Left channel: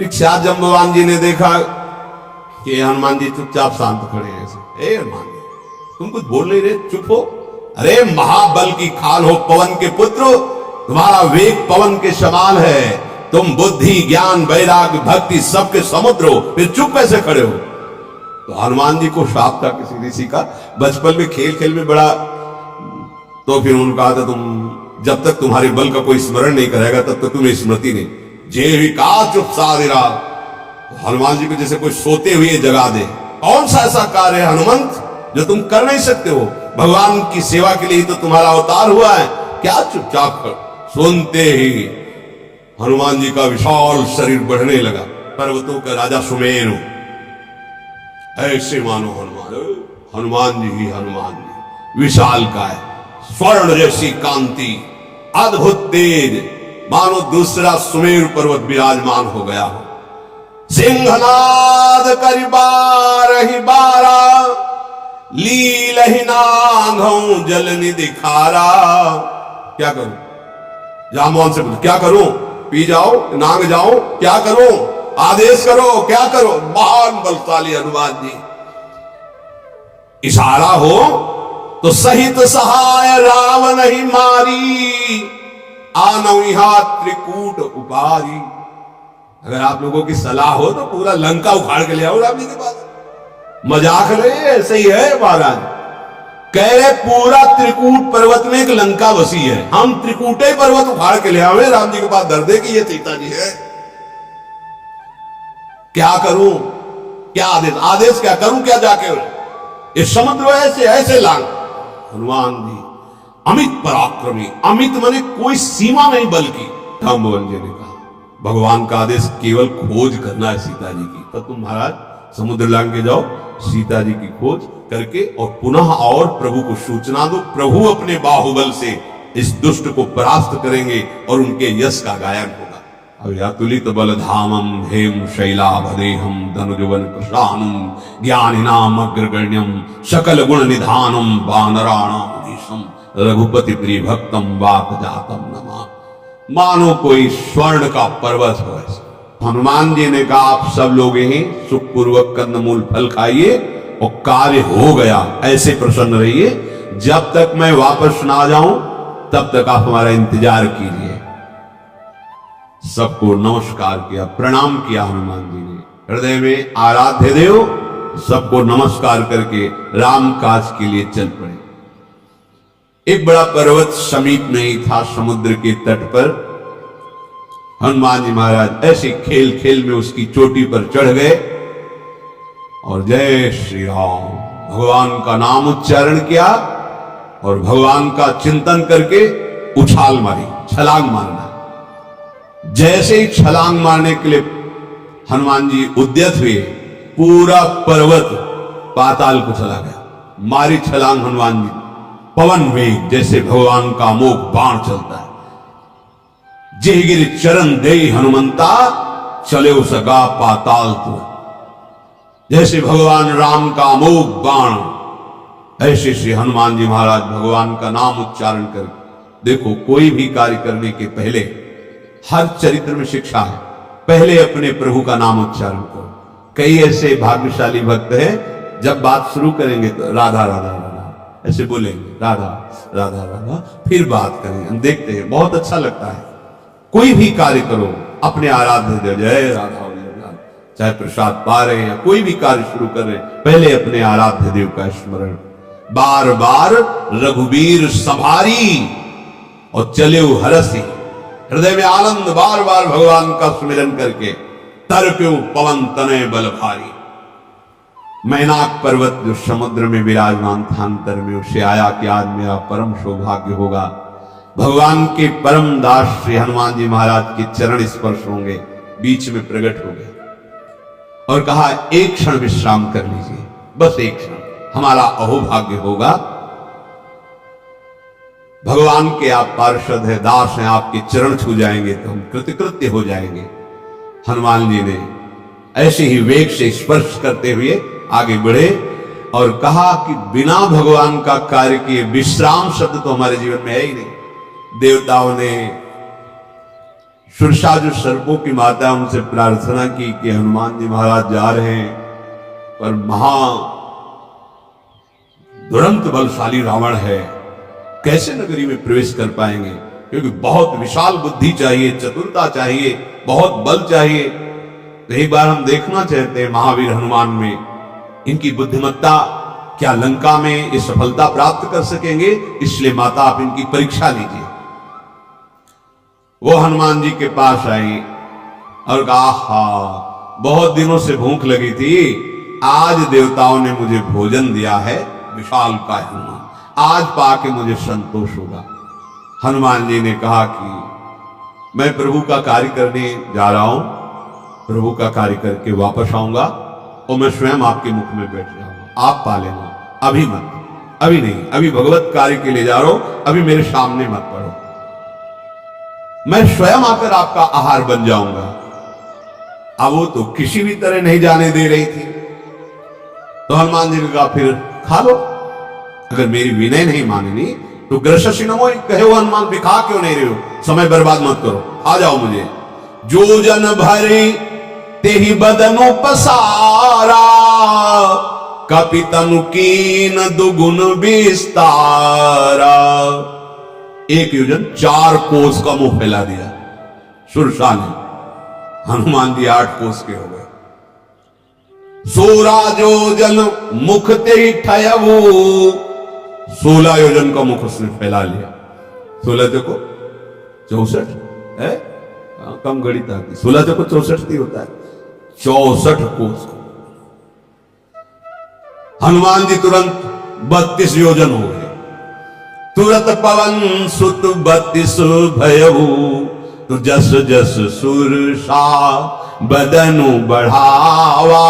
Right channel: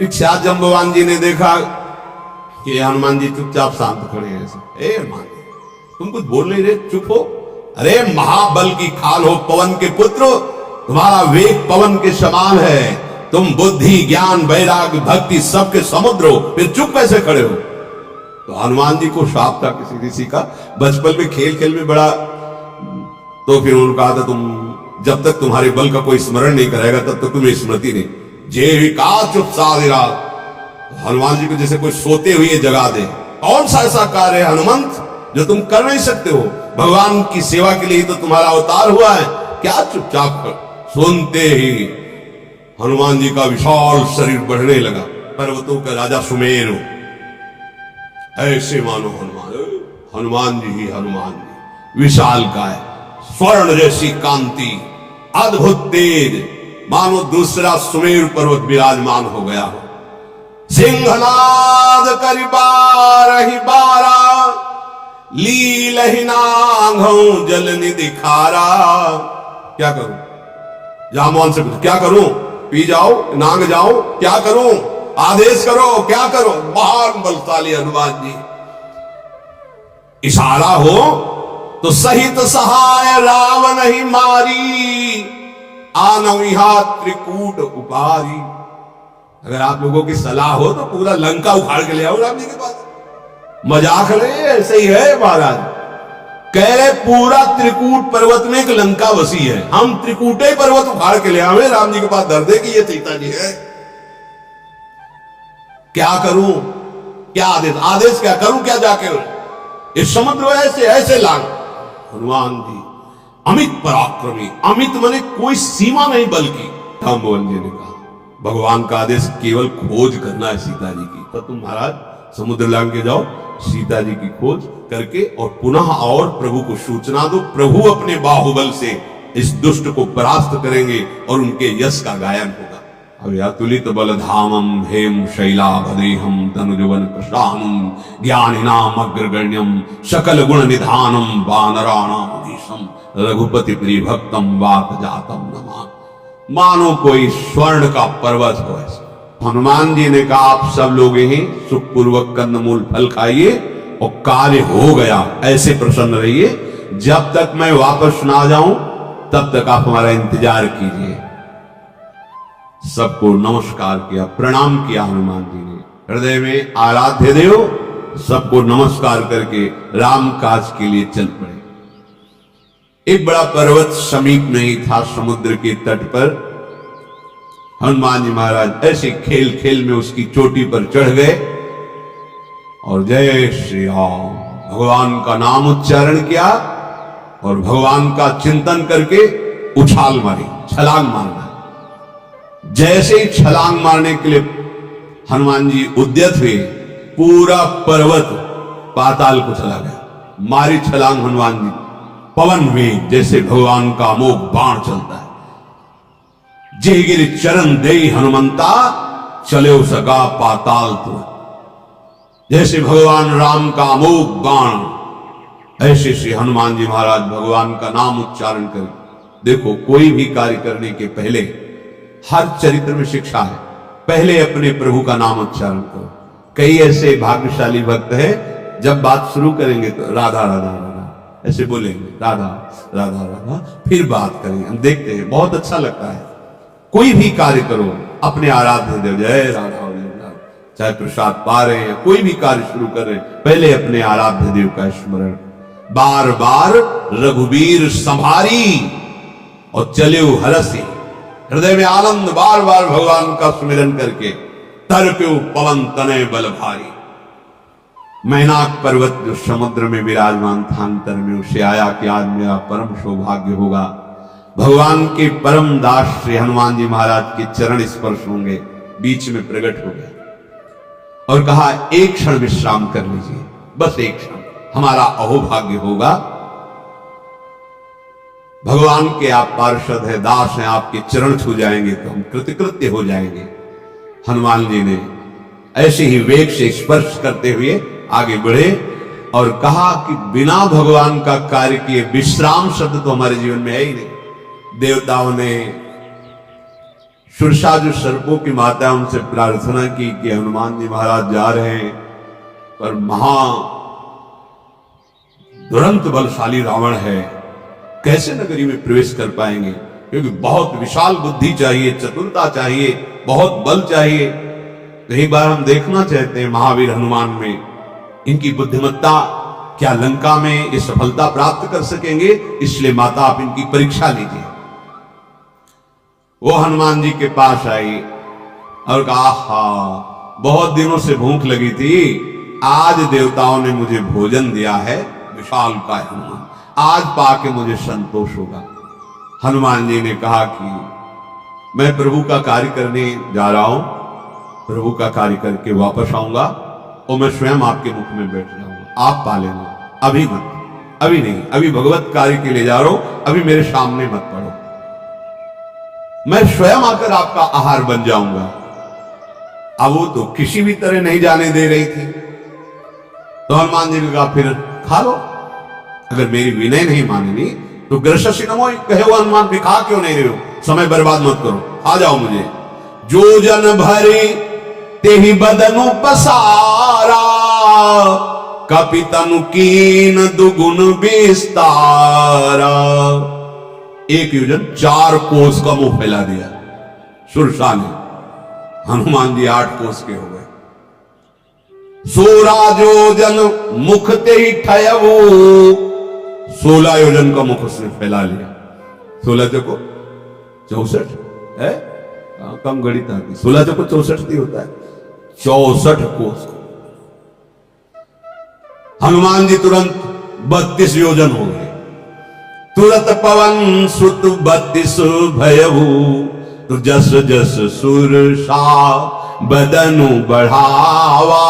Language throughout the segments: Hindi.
इच्छात जम्बवान जी ने देखा कि हनुमान जी चुपचाप शांत खड़े हैं ऐसे। ए हनुमान जी, तुम कुछ बोल नहीं रहे, चुप हो। अरे महाबल की खाल हो पवन के पुत्र, तुम्हारा वेग पवन के समान है, तुम बुद्धि ज्ञान वैराग्य भक्ति सबके समुद्र हो, फिर चुप कैसे खड़े हो। तो हनुमान जी को श्राप था किसी ऋषि का, बचपन में खेल खेल में बड़ा, तो फिर उन्होंने कहा था तुम जब तक तुम्हारे बल का कोई स्मरण नहीं करेगा तब तक तुम्हें स्मृति नहीं। जे विका चुप साधिरा, तो हनुमान जी को जैसे कोई सोते हुए जगा दे। कौन सा ऐसा कार्य है हनुमंत जो तुम कर नहीं सकते हो, भगवान की सेवा के लिए तो तुम्हारा अवतार हुआ है, क्या चुपचाप कर। सुनते ही हनुमान जी का विशाल शरीर बढ़ने लगा, पर्वतों का राजा सुमेरु ऐसे मानो हनुमान जी ही हनुमान जी, विशाल काय, स्वर्ण जैसी कांति, अद्भुत तेज, मानो दूसरा सुमेरु पर्वत विराजमान हो गया हो। सिंहनाद करि बारहि बारा, लीलहि नाघौ जल निधि खारा। क्या करूं, जामवान से पूछ क्या करूं, पी जाओ नांग जाओ, क्या करूं, आदेश करो, क्या करो। महान बलशाली हनुमान जी, इशारा हो तो सहित सहाय रावण ही मारी, आनविहा त्रिकूट उपारी। अगर आप लोगों की सलाह हो तो पूरा लंका उखाड़ के ले आओ राम जी के पास। मजाक रहे, ऐसे ही है महाराज। कह रहे पूरा त्रिकूट पर्वत में एक लंका बसी है, हम त्रिकूटे पर्वत उखाड़ के ले आवे राम जी के पास, दर्दे की ये सीता जी है। क्या करूं, क्या आदेश, आदेश क्या करूं, क्या जाके ये समुद्र ऐसे ऐसे लांग। हनुमान जी अमित पराक्रमी, अमित माने कोई सीमा नहीं बल की। जाम्बवान जी ने कहा भगवान का आदेश केवल खोज करना है सीता जी की, तो तुम महाराज समुद्र लांग के जाओ, सीता जी की खोज करके और पुनः और प्रभु को सूचना दो। प्रभु अपने बाहुबल से इस दुष्ट को परास्त करेंगे और उनके यश का गायन होगा। अब अतुलित बल धामम हेम शैलाभदेहम धनुजवन कृशानुम ज्ञानिनाम अग्रगण्यम सकल गुण निधानम वानराणाम रघुपति प्रिय भक्तम वात जातम नमा। मानो कोई स्वर्ण का पर्वत हो ऐसा। हनुमान जी ने कहा आप सब लोग ही सुखपूर्वक कंदमूल फल खाइए और कार्य हो गया, ऐसे प्रसन्न रहिए। जब तक मैं वापस ना जाऊं तब तक आप हमारा इंतजार कीजिए। सबको नमस्कार किया, प्रणाम किया हनुमान जी ने, हृदय में आराध्य देव, सबको नमस्कार करके राम काज के लिए चल पड़े। एक बड़ा पर्वत समीप में ही था, समुद्र के तट पर। हनुमान जी महाराज ऐसे खेल खेल में उसकी चोटी पर चढ़ गए और जय श्री राम भगवान का नाम उच्चारण किया और भगवान का चिंतन करके उछाल मारी, छलांग मारना। जैसे ही छलांग मारने के लिए हनुमान जी उद्यत हुए, पूरा पर्वत पाताल को चला गया। मारी छलांग हनुमान जी, पवन वेग जैसे भगवान का अमोघ बाण चलता है। जयगिरि चरण दे हनुमंता, चले सगा पाताल तो। जैसे भगवान राम का अमोघ बाण, ऐसे श्री हनुमान जी महाराज भगवान का नाम उच्चारण कर। देखो कोई भी कार्य करने के पहले, हर चरित्र में शिक्षा है, पहले अपने प्रभु का नाम उच्चारण करो। कई ऐसे भाग्यशाली भक्त हैं जब बात शुरू करेंगे तो राधा राधा राधा ऐसे बोलेंगे, राधा राधा राधा, फिर बात करेंगे। हम देखते हैं बहुत अच्छा लगता है। कोई भी कार्य करो अपने आराध्य देव जय राधा, चाहे प्रसाद पा रहे हैं, कोई भी कार्य शुरू कर रहे हैं, पहले अपने आराध्य देव का स्मरण। बार बार रघुवीर संभारी और चले हरसी, हृदय में आनंद, बार बार भगवान का सुमिरन करके। तरक्यु पवन तनय बल भारी। मैनाक पर्वत जो समुद्र में विराजमान था अंतर में, उसे आया कि आज मेरा परम सौभाग्य होगा, भगवान के परम दास श्री हनुमान जी महाराज के चरण स्पर्श होंगे। बीच में प्रकट हो गया और कहा एक क्षण विश्राम कर लीजिए, बस एक क्षण, हमारा अहोभाग्य होगा। भगवान के आप पार्षद हैं, दास हैं, आपके चरण छू जाएंगे तो हम कृतकृत्य हो जाएंगे। हनुमान जी ने ऐसे ही वेग से स्पर्श करते हुए आगे बढ़े और कहा कि बिना भगवान का कार्य किए विश्राम शब्द तो हमारे जीवन में है ही नहीं। देवताओं ने सुरसा जो सर्पों की माता है उनसे प्रार्थना की कि हनुमान जी महाराज जा रहे हैं, पर महा दुरंत बलशाली रावण है, कैसे नगरी में प्रवेश कर पाएंगे? क्योंकि बहुत विशाल बुद्धि चाहिए, चतुरता चाहिए, बहुत बल चाहिए। तो एक बार हम देखना चाहते हैं महावीर हनुमान में इनकी बुद्धिमत्ता, क्या लंका में ये सफलता प्राप्त कर सकेंगे? इसलिए माता आप इनकी परीक्षा लीजिए। वो हनुमान जी के पास आई और कहा, हा, बहुत दिनों से भूख लगी थी, आज देवताओं ने मुझे भोजन दिया है, विशाल का हनुमान, आज पाके मुझे संतोष होगा। हनुमान जी ने कहा कि मैं प्रभु का कार्य करने जा रहा हूं, प्रभु का कार्य करके वापस आऊंगा और मैं स्वयं आपके मुख में बैठ जाऊंगा, आप पा लेना, अभी मत, अभी नहीं, अभी भगवत कार्य के लिए जा रहा हूं, अभी मेरे सामने मत पड़ो, मैं स्वयं आकर आपका आहार बन जाऊंगा। अब वो तो किसी भी तरह नहीं जाने दे रही थी। तो हनुमान जी ने कहा, फिर खा लो, अगर मेरी विनय नहीं माननी तो ग्रससी नमो कहे हो हनुमान, भी खा क्यों नहीं रहे हो, समय बर्बाद मत करो, खा जाओ मुझे। जो जन भरे ते ही बदनु पसारा, कपितनु कीन दुगुन विस्तारा। एक योजन 4 कोस का मुंह फैला दिया सुरसा ने, हनुमान जी 8 कोस के हो गए। 16 योजन मुख ते ही ठयवो, 16 योजन का मुख उसने फैला लिया। 16 चौको 64 है, कम गणित आती, 16 चौको 64 होता है, 64 कोस। हनुमान जी तुरंत 32 योजन हो गए। तुरत पवन सुत 32 भयऊ, तो जस जस सुरसा बदनु बढ़ावा,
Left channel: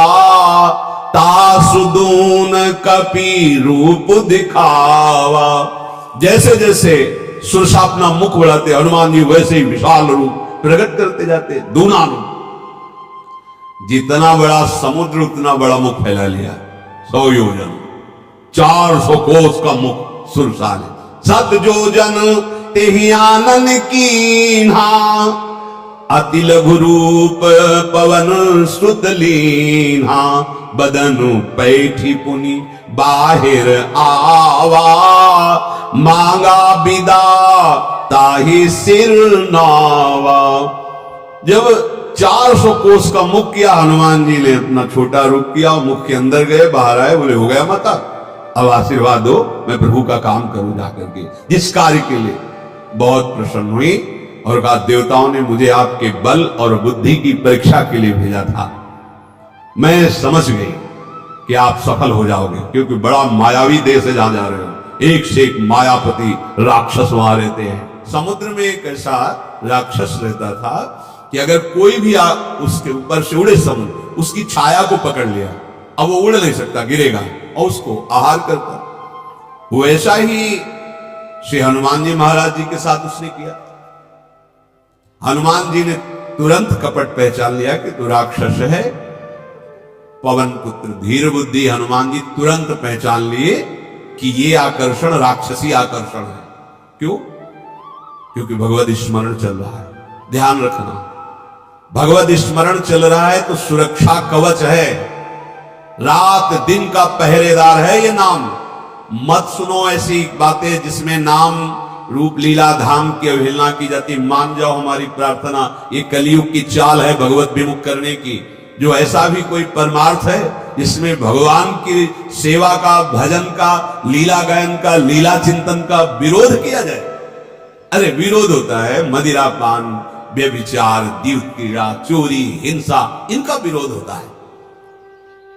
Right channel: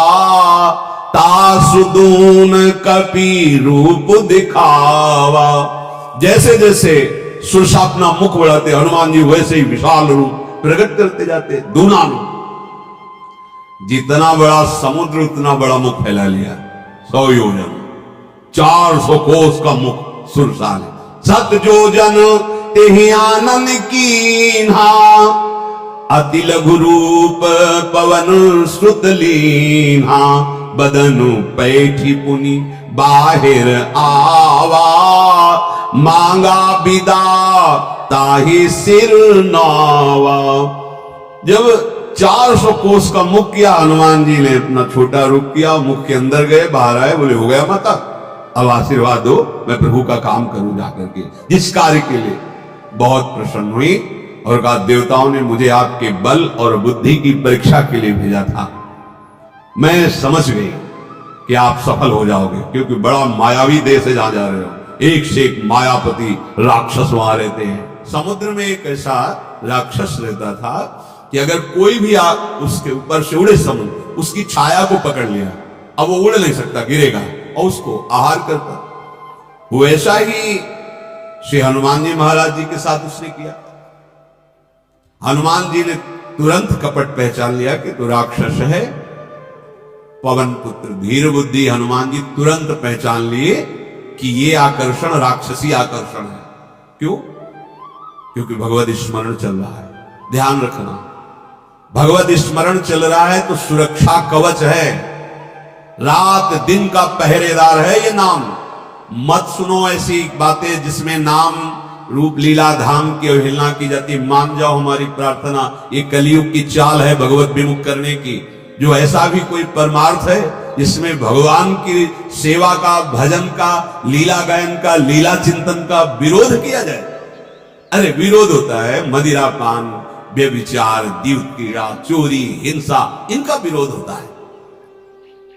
तासुदून कपि रूप दिखावा। जैसे जैसे सुरसा अपना मुख बढ़ाते हनुमान जी वैसे ही विशाल रूप प्रकट करते जाते, दूना रूप। जितना बड़ा समुद्र उतना बड़ा मुख फैला लिया, 100 योजन, 400 कोस का मुख सुरसा ने। 7 योजन तेहि आनन कीन्हा, अति लघु रूप पवन सुत लीन्हा। बदनु पैठी पुनि बाहिर आवा, मांगा विदा ताहि सिर नावा। जब 400 कोस का मुख किया, हनुमान जी ने अपना छोटा रूप किया, मुख के अंदर गए, बाहर आए, बोले हो गया माता, अब आशीर्वाद दो, मैं प्रभु का काम करूं जाकर के। जिस कार्य के लिए बहुत प्रसन्न हुई और कहा, देवताओं ने मुझे आपके बल और बुद्धि की परीक्षा के लिए भेजा था, मैं समझ गई कि आप सफल हो जाओगे, क्योंकि बड़ा मायावी देश है जहां जा रहे हो, एक से एक मायापति राक्षस वहां रहते हैं। समुद्र में एक ऐसा राक्षस रहता था कि अगर कोई भी उसके ऊपर से उड़े समुद्र, उसकी छाया को पकड़ लिया, अब वो उड़ नहीं सकता, गिरेगा, और उसको आहार करता। वैसा ही श्री हनुमान जी महाराज जी के साथ उसने किया। हनुमान जी ने तुरंत कपट पहचान लिया कि तो राक्षस है, पवन पुत्र धीर बुद्धि। हनुमान जी तुरंत पहचान लिए कि ये आकर्षण राक्षसी आकर्षण है। क्यों? क्योंकि भगवत स्मरण चल रहा है। ध्यान रखना, भगवत स्मरण चल रहा है तो सुरक्षा कवच है, रात दिन का पहरेदार है ये नाम। मत सुनो ऐसी बातें जिसमें नाम रूप लीला धाम की अवहेलना की जाती। मान जाओ हमारी प्रार्थना, ये कलयुग की चाल है भगवत विमुख करने की। जो ऐसा भी कोई परमार्थ है जिसमें भगवान की सेवा का, भजन का, लीला गायन का, लीला चिंतन का विरोध किया जाए, अरे विरोध होता है मदिरापान, व्यभिचार, दिव्य क्रीड़ा, चोरी, हिंसा, इनका विरोध होता है।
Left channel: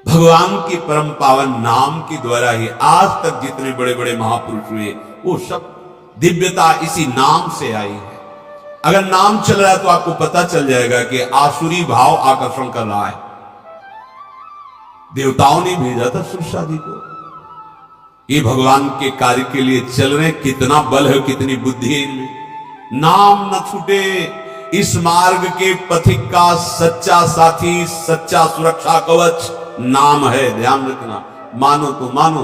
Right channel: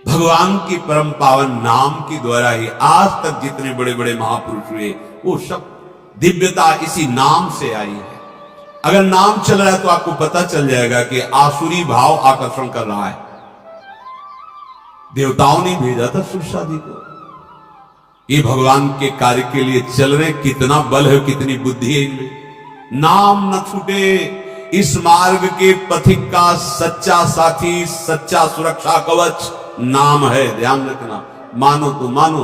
भगवान की परम पावन नाम के द्वारा ही आज तक जितने बड़े बड़े महापुरुष हुए वो सब दिव्यता इसी नाम से आई है। अगर नाम चल रहा है तो आपको पता चल जाएगा कि आसुरी भाव आकर्षण कर रहा है। देवताओं ने भेजा था सुरसा जी को, ये भगवान के कार्य के लिए चल रहे, कितना बल है, कितनी बुद्धि है इनमें। नाम न छूटे इस मार्ग के पथिक का सच्चा साथी, सच्चा सुरक्षा कवच नाम है। ध्यान रखना, मानो तो मानो,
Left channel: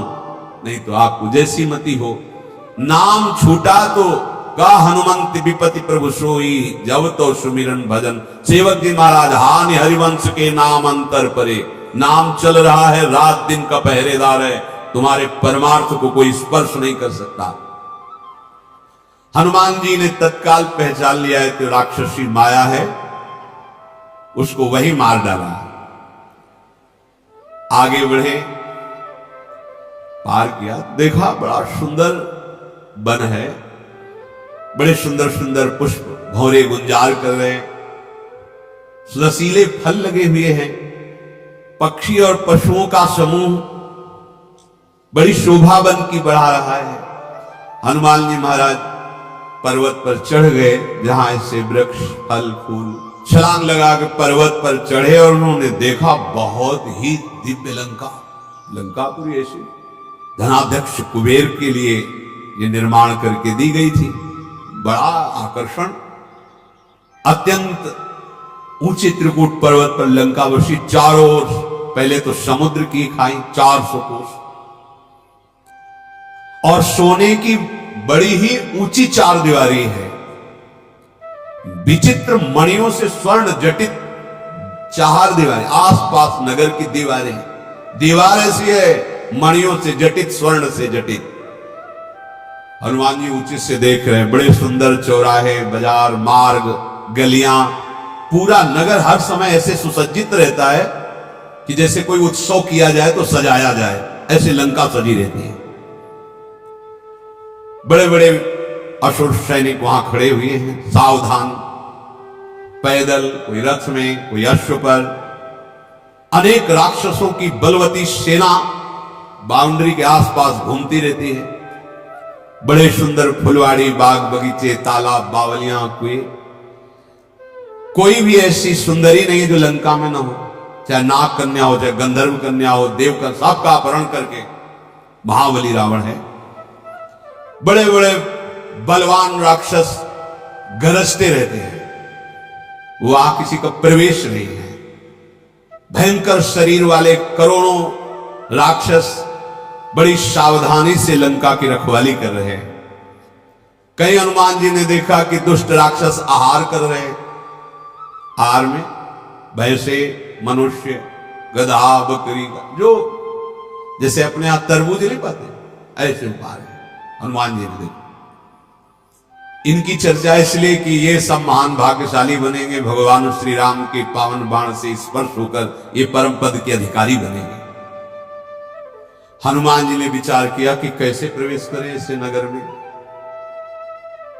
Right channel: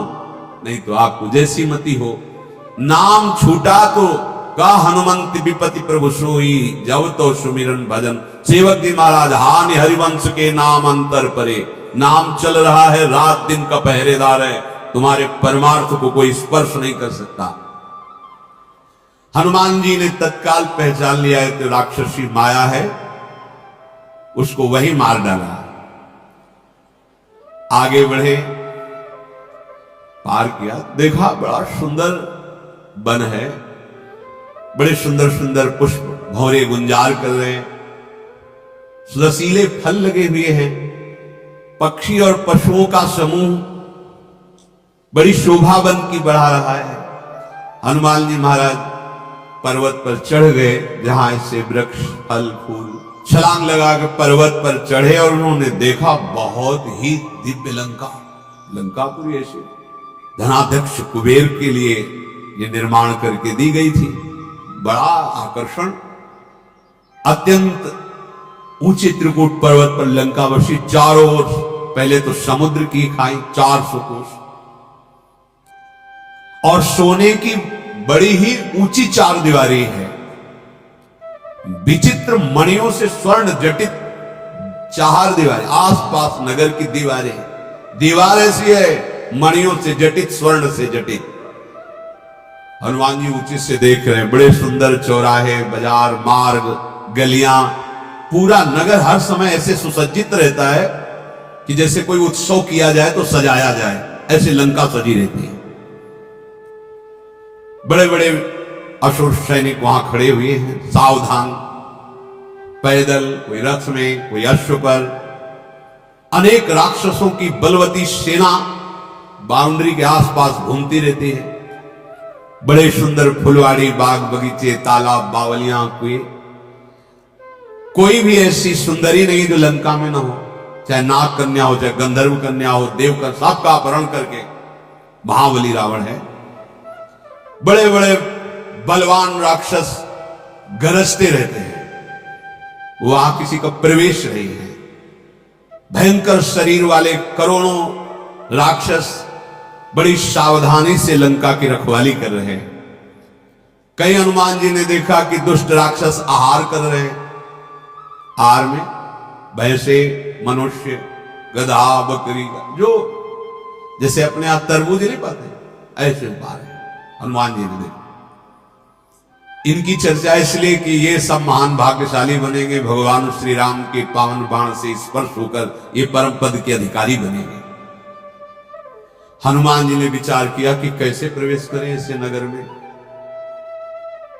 नहीं तो आपको जैसी मति हो। नाम छूटा तो का हनुमंत विपति प्रभु सोई, जब तो सुमिरन भजन। सेवक जी महाराज, हानि हरिवंश के नाम अंतर परे, नाम चल रहा है, रात दिन का पहरेदार है, तुम्हारे परमार्थ को कोई स्पर्श नहीं कर सकता। हनुमान जी ने तत्काल पहचान लिया है कि राक्षसी माया है, उसको वही मार डाला। आगे बढ़े, पार किया, देखा बड़ा सुंदर वन है, बड़े सुंदर सुंदर पुष्प भौरे गुंजार कर रहे हैं, रसीले फल लगे हुए हैं, पक्षी और पशुओं का समूह बड़ी शोभा वन की बढ़ा रहा है। हनुमान जी महाराज पर्वत पर चढ़ गए, जहां ऐसे वृक्ष फल फूल, छलांग लगा के पर्वत पर चढ़े और उन्होंने देखा बहुत ही दिव्य लंका। लंकापुरी ऐसे धनाध्यक्ष कुबेर के लिए ये निर्माण करके दी गई थी। बड़ा आकर्षण, अत्यंत ऊंचे त्रिकूट पर्वत पर लंका बसी, चारों ओर पहले तो समुद्र की खाई 400 कोस, और सोने की बड़ी ही ऊंची 4 दीवारी है, विचित्र मणियों से स्वर्ण जटित 4 दीवारें, आसपास नगर की दीवारें, दीवार ऐसी है मणियों से जटित, स्वर्ण से जटित। हनुमान जी ऊंचे से देख रहे हैं, बड़े सुंदर चौराहे, बाजार, मार्ग, गलियां, पूरा नगर हर समय ऐसे सुसज्जित रहता है कि जैसे कोई उत्सव किया जाए तो सजाया जाए, ऐसे लंका सजी रहती है। बड़े बड़े असुर सैनिक वहां खड़े हुए हैं, सावधान, पैदल, कोई रथ में, कोई अश्व पर। अनेक राक्षसों की बलवती सेना बाउंड्री के आसपास घूमती रहती है। बड़े सुंदर फुलवाड़ी, बाग बगीचे, तालाब, बावलियां, कुएं, कोई भी ऐसी सुंदरी नहीं जो लंका में ना हो, चाहे नाग कन्या हो, चाहे गंधर्व कन्या हो, देव का, सबका अपहरण करके महाबली रावण है। बड़े बड़े बलवान राक्षस गरजते रहते हैं, वहां किसी का प्रवेश नहीं है। भयंकर शरीर वाले करोड़ों राक्षस बड़ी सावधानी से लंका की रखवाली कर रहे हैं। कई हनुमान जी ने देखा कि दुष्ट राक्षस आहार कर रहे हैं, आहार में भैंसे, मनुष्य, गधा, बकरी, जो जैसे अपने यहां तरबूज नहीं पाते ऐसे उपहार है। हनुमान जी ने देखा, इनकी चर्चा इसलिए कि ये सब महान भाग्यशाली बनेंगे, भगवान श्री राम के पावन बाण से स्पर्श होकर ये परम पद के अधिकारी बनेंगे। हनुमान जी ने विचार किया कि कैसे प्रवेश करें ऐसे नगर में,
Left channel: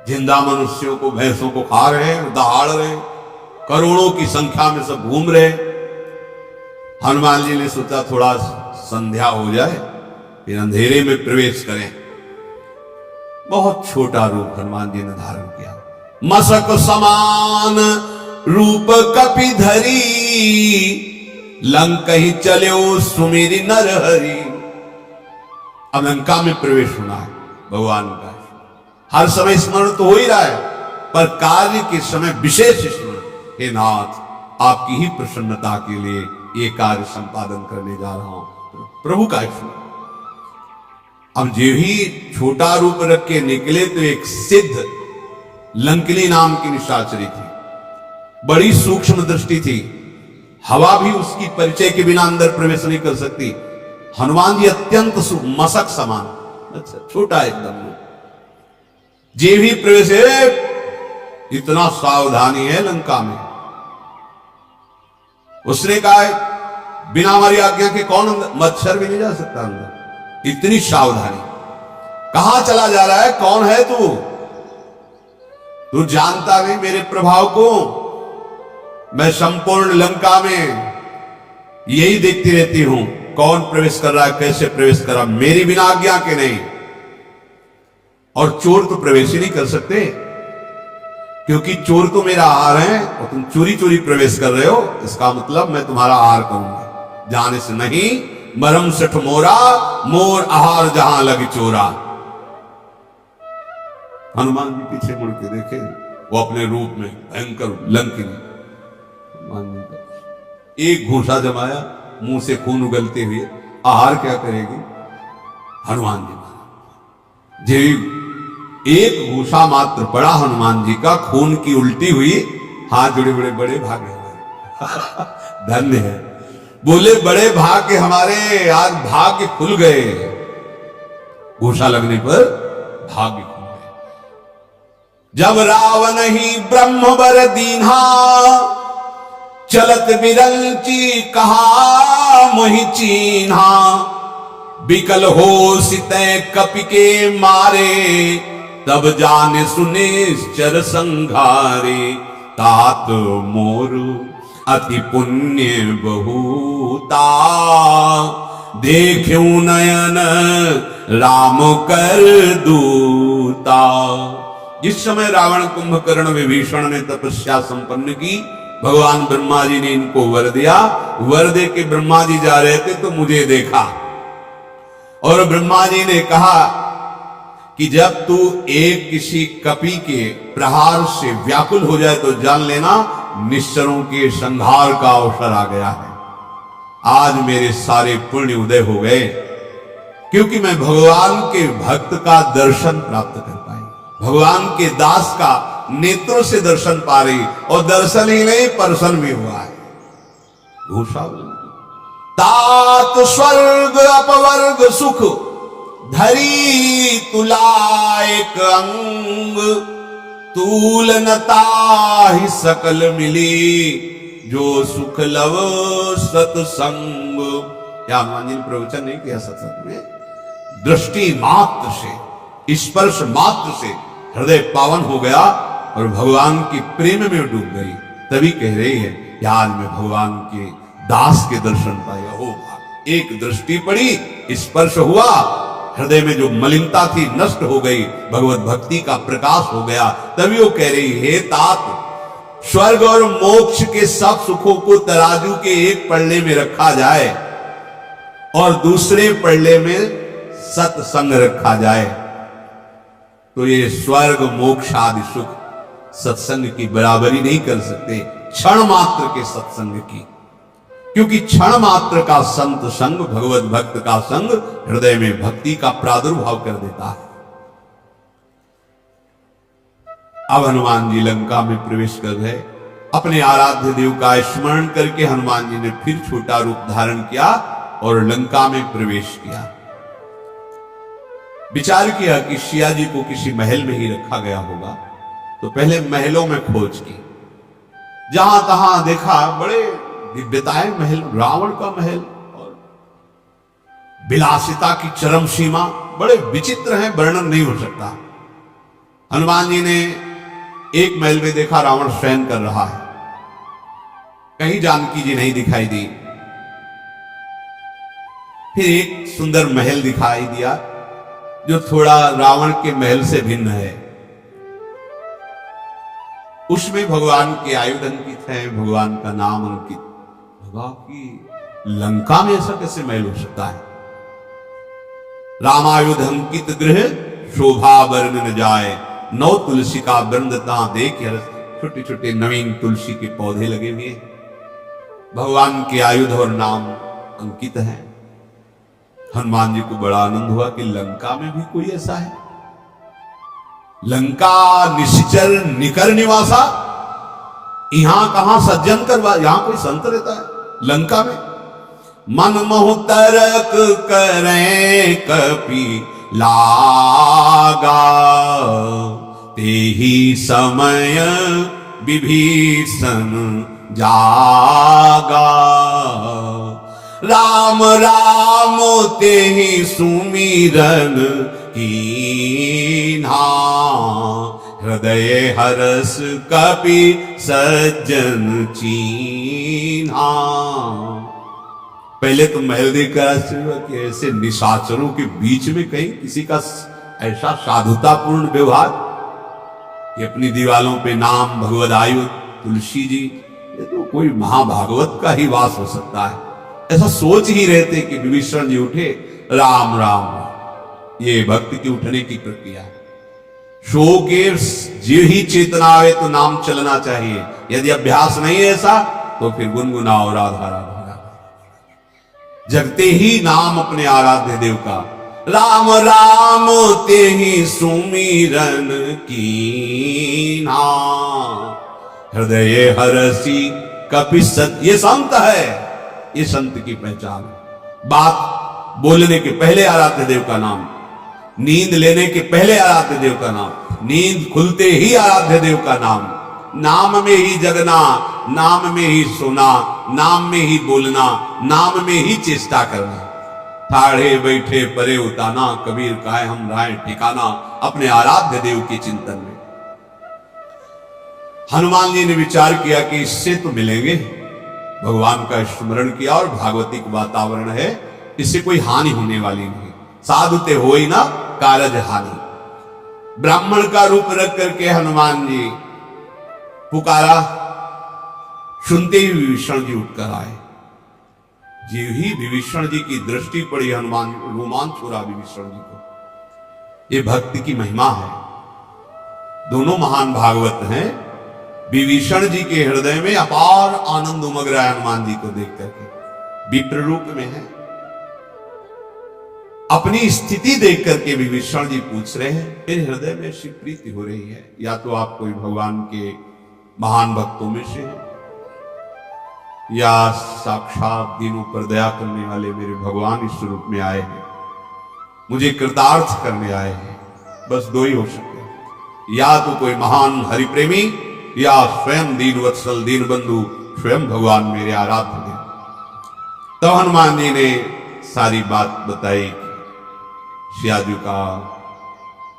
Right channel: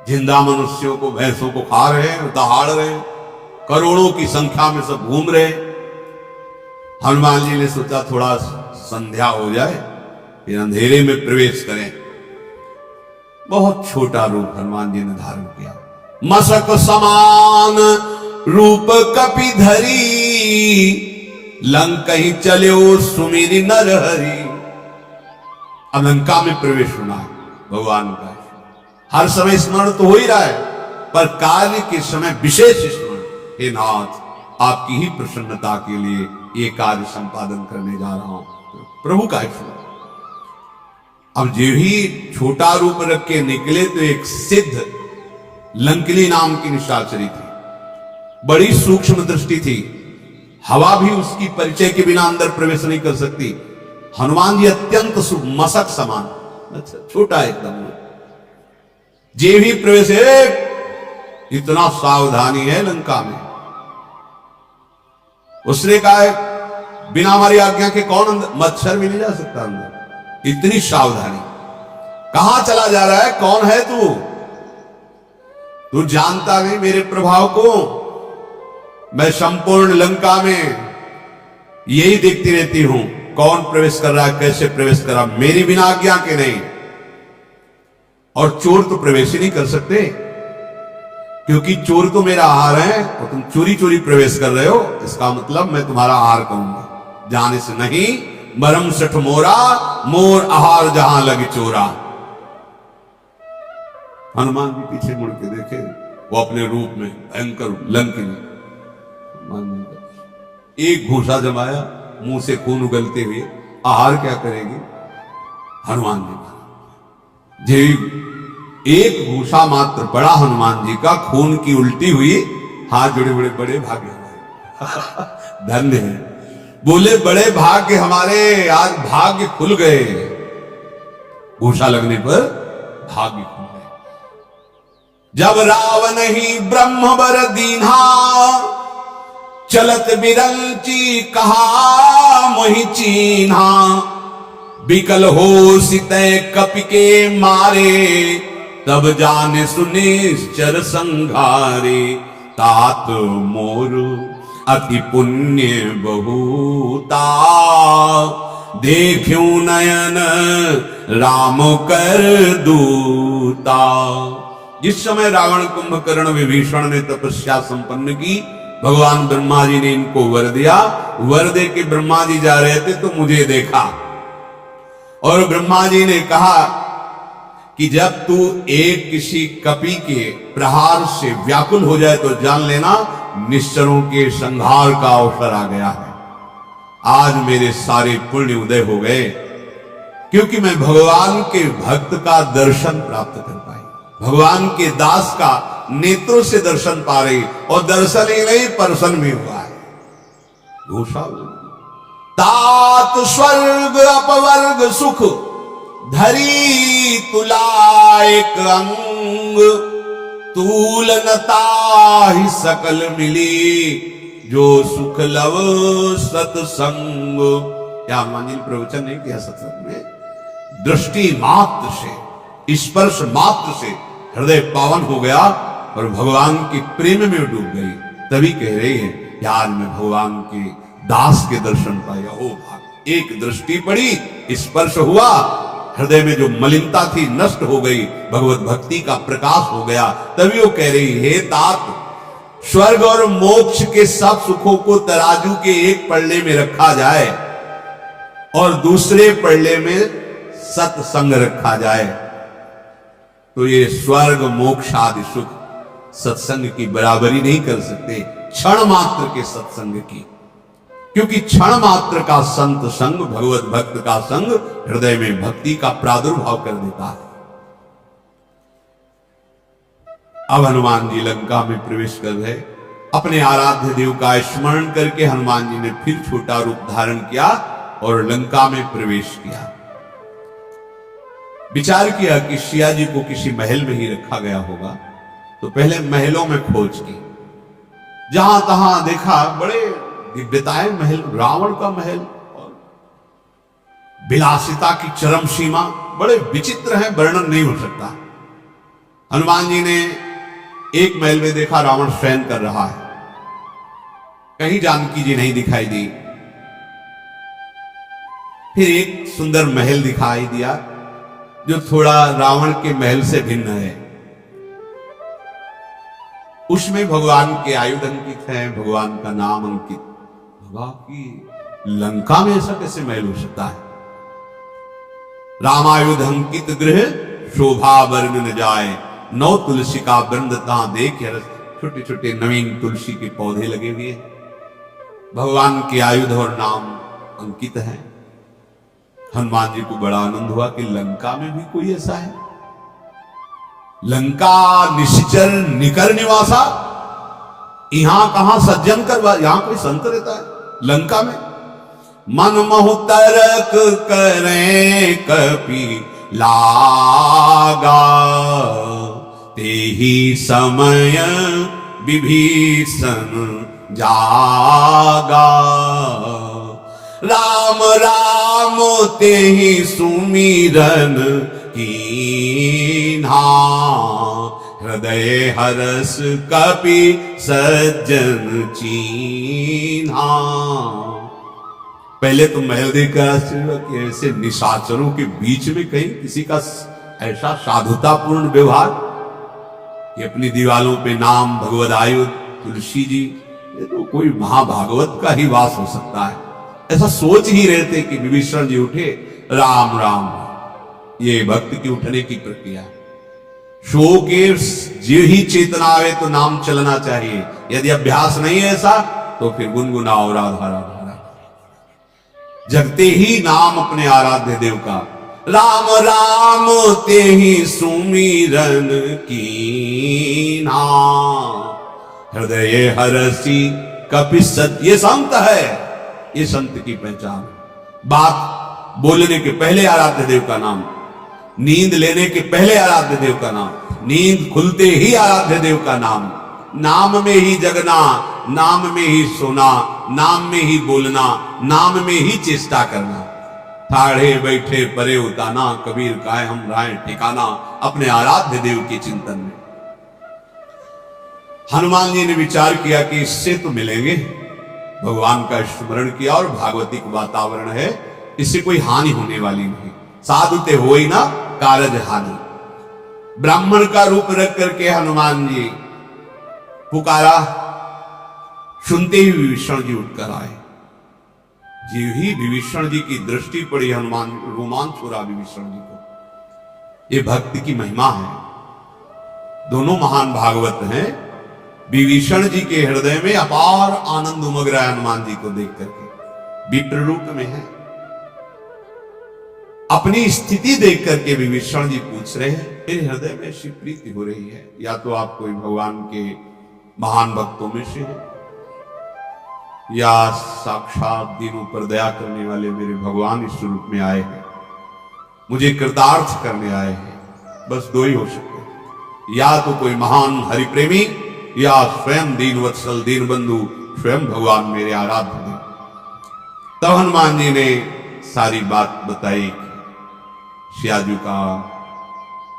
जिंदा मनुष्यों को, भैंसों को खा रहे हैं, दहाड़ रहे हैं, करोड़ों की संख्या में सब घूम रहे हैं। हनुमान जी ने सोचा थोड़ा संध्या हो जाए, फिर अंधेरे में प्रवेश करें। बहुत छोटा रूप हनुमान जी ने धारण किया, मसक समान रूप कपि धरी, लंक ही चलो सुमेरी नरहरि। अब लंका में प्रवेश होना है भगवान का, हर समय स्मरण तो हो ही रहा है, पर कार्य के समय विशेष स्मरण, हे नाथ आपकी ही प्रसन्नता के लिए ये कार्य संपादन करने जा रहा हूं, प्रभु का स्मरण। अब जो ही छोटा रूप रख के निकले तो एक सिद्ध लंकिनी नाम की निशाचरी थी, बड़ी सूक्ष्म दृष्टि थी, हवा भी उसकी परिचय के बिना अंदर प्रवेश नहीं कर सकती। हनुमान जी अत्यंत मसक समान, अच्छा छोटा एकदम, जे भी प्रवेश है, इतना सावधानी है लंका में। उसने कहा बिना हमारी आज्ञा के कौन अंदर, मच्छर भी नहीं जा सकता अंदर, इतनी सावधानी। कहां चला जा रहा है, कौन है तू जानता नहीं मेरे प्रभाव को, मैं संपूर्ण लंका में यही देखती रहती हूं, कौन प्रवेश कर रहा है, कैसे प्रवेश कर रहा, मेरी बिना आज्ञा के नहीं। और चोर तो प्रवेश ही नहीं कर सकते, क्योंकि चोर तो मेरा आहार है, और तुम चोरी चोरी प्रवेश कर रहे हो, इसका मतलब मैं तुम्हारा आहार कहूंगा, जाने से नहीं। मरम सठ मोरा, मोर आहार जहां लग चोरा। हनुमान जी पीछे मुड़ के देखे, वो अपने रूप में भयंकर लंकिनी, एक घूंसा जमाया, मुंह से खून उगलते हुए, आहार क्या करेगी हनुमान जी। जी एक घूसा मात्र पड़ा हनुमान जी का, खून की उल्टी हुई, हाथ जुड़े बड़े बड़े भाग्य हमारे धन्य है। बोले बड़े भाग्य हमारे, आज भाग्य खुल गए, घूसा लगने पर भाग्य खुल गए। जब रावण ही ब्रह्मवर दीन्हा, चलत बिरंची कहा मोहि चीन्हा, बिकल हो सितै कपि के मारे, तब जाने सुनिश्चर संघारे, तात मोर अति पुण्य बहुता, देख्यू नयन राम कर दूता। जिस समय रावण कुंभकर्ण विभीषण ने तपस्या संपन्न की, भगवान ब्रह्मा जी ने इनको वर दिया। वर दे के ब्रह्मा जी जा रहे थे तो मुझे देखा, और ब्रह्मा जी ने कहा कि जब तू एक किसी कपि के प्रहार से व्याकुल हो जाए तो जान लेना निश्चरों के संहार का अवसर आ गया है। आज मेरे सारे पुण्य उदय हो गए, क्योंकि मैं भगवान के भक्त का दर्शन प्राप्त कर पाई, भगवान के दास का नेत्रों से दर्शन पा रही, और दर्शन ही नहीं प्रसन्न भी हुआ है। घूसा तात स्वर्ग अपवर्ग सुख, धरी तुला एक अंग, तूलनता ही सकल मिली, जो सुख लव सत्संग। क्या हनुमान जी ने प्रवचन नहीं किया सत्संग में? दृष्टि मात्र से, स्पर्श मात्र से हृदय पावन हो गया और भगवान के प्रेम में डूब गई। तभी कह रही है कि आज मैं भगवान के दास के दर्शन पाया। हो भाग, एक दृष्टि पड़ी, स्पर्श हुआ, हृदय में जो मलिनता थी नष्ट हो गई, भगवत भक्ति का प्रकाश हो गया। तभी वो कह रही, हे तात, स्वर्ग और मोक्ष के सब सुखों को तराजू के एक पल्ले में रखा जाए और दूसरे पल्ले में सत्संग रखा जाए, तो ये स्वर्ग मोक्ष आदि सुख सत्संग की बराबरी नहीं कर सकते, क्षण मात्र के सत्संग की। क्योंकि क्षण मात्र का संत संग, भगवत भक्त का संग हृदय में भक्ति का प्रादुर्भाव कर देता है। अब हनुमान जी लंका में प्रवेश कर गए। अपने आराध्य देव का स्मरण करके हनुमान जी ने फिर छोटा रूप धारण किया और लंका में प्रवेश किया। विचार किया कि सिया जी को किसी महल में ही रखा गया होगा, तो पहले महलों में खोज की। जहां तहां देखा बड़े दिव्यताएं महल, रावण का महल और विलासिता की चरम सीमा, बड़े विचित्र हैं, वर्णन नहीं हो सकता। हनुमान जी ने एक महल में देखा रावण शयन कर रहा है, कहीं जानकी जी नहीं दिखाई दी। फिर एक सुंदर महल दिखाई दिया जो थोड़ा रावण के महल से भिन्न है। उसमें भगवान के आयुध अंकित हैं, भगवान का नाम अंकित। भगवान की लंका में ऐसा कैसे महल हो सकता है? रामायुध अंकित गृह शोभा वर्ण न जाए, नौ तुलसी का वृंद तहां देख हरस। छोटे छोटे नवीन तुलसी के पौधे लगे हुए, भगवान के आयुध और नाम अंकित हैं। हनुमान जी को बड़ा आनंद हुआ कि लंका में भी कोई ऐसा है। लंका निश्चर निकर निवासा, यहां कहां सज्जन करवा, यहां कोई संत रहता है लंका में? मन महु तरक करें कपि लागा, तेहि समय विभीषण जागा। राम राम तेहि सुमिरन कीन्हा, हृदय हरस कपि सज्जन चीन्हा। पहले तो महल देखकर आश्चर्य हुआ कि ऐसे निशाचरों के बीच में कहीं किसी का ऐसा साधुतापूर्ण व्यवहार कि अपनी दीवालों पे नाम, भगवद आयुध, तुलसी जी, ये तो कोई महाभागवत का ही वास हो सकता है। ऐसा सोच ही रहे थे कि विभीषण जी उठे, राम राम, ये भक्त की उठने की प्रक्रिया है। शो के जे ही चेतना आवे तो नाम चलना चाहिए, यदि अभ्यास नहीं है ऐसा तो फिर गुनगुनाओ राधा राधा। जगते ही नाम अपने आराध्य देव का, राम राम ते ही सुमिरन कीना, हृदय हरसी कपि सत। ये संत है, ये संत की पहचान है। बात बोलने के पहले आराध्य देव का नाम, नींद लेने के पहले आराध्य देव का नाम, नींद खुलते ही आराध्य देव का नाम, नाम में ही जगना, नाम में ही सोना, नाम में ही बोलना, नाम में ही चेष्टा करना। ठाढ़े बैठे परे उताना, कबीर काहे हम राय ठिकाना, अपने आराध्य देव के चिंतन में। हनुमान जी ने विचार किया कि इससे तो मिलेंगे, भगवान का स्मरण किया और भागवतिक वातावरण है, इससे कोई हानि होने वाली नहीं। साधुते हो ही ना कारज हानि। ब्राह्मण का रूप रख करके हनुमान जी पुकारा, सुनते ही विभीषण जी उठकर आए। जी ही विभीषण जी की दृष्टि पड़ी, हनुमान रोमांच हो रहा विभीषण जी को। ये भक्ति की महिमा है। दोनों महान भागवत हैं। विभीषण जी के हृदय में अपार आनंद उमग रहा है हनुमान जी को देख करके। विप्र रूप में है, अपनी स्थिति देख करके विभीषण जी पूछ रहे हैं, मेरे हृदय में ऐसी प्रीति हो रही है, या तो आप कोई भगवान के महान भक्तों में से हैं, या साक्षात दीनों पर दया करने वाले मेरे भगवान इस रूप में आए हैं, मुझे कृतार्थ करने आए हैं। बस दो ही हो सकते, या तो कोई महान हरिप्रेमी, या स्वयं दीन वत्सल दीन बंधु स्वयं भगवान मेरे आराध्य देव। तब हनुमान जी ने सारी बात बताई, सियाजू का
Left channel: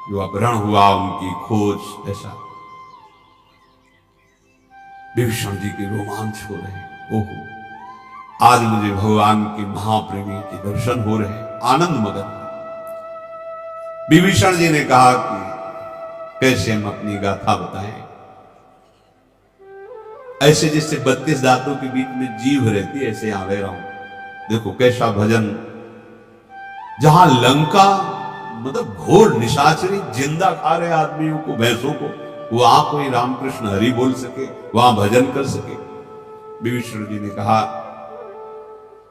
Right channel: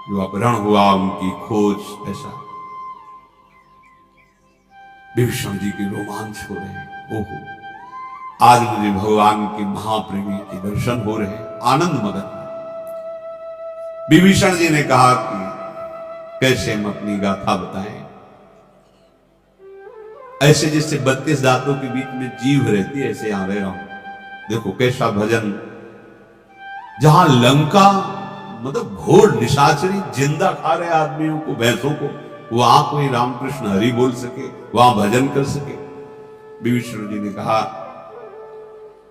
जो अपहरण हुआ, उनकी खोज, ऐसा। विभीषण जी के रोमांच हो रहे हैं, ओहो आज मुझे भगवान के महाप्रेमी के दर्शन हो रहे हैं, आनंद मगन। विभीषण जी ने कहा कि कैसे हम अपनी गाथा बताएं, ऐसे जैसे 32 दांतों के बीच में जीभ रहती है, ऐसे यहां रह रहा हूं। देखो कैसा भजन, जहां लंका मतलब घोर निशाचरी जिंदा खा रहे आदमियों को, भैंसों को, वहां कोई रामकृष्ण हरि बोल सके, वहां भजन कर सके। विभीषण जी ने कहा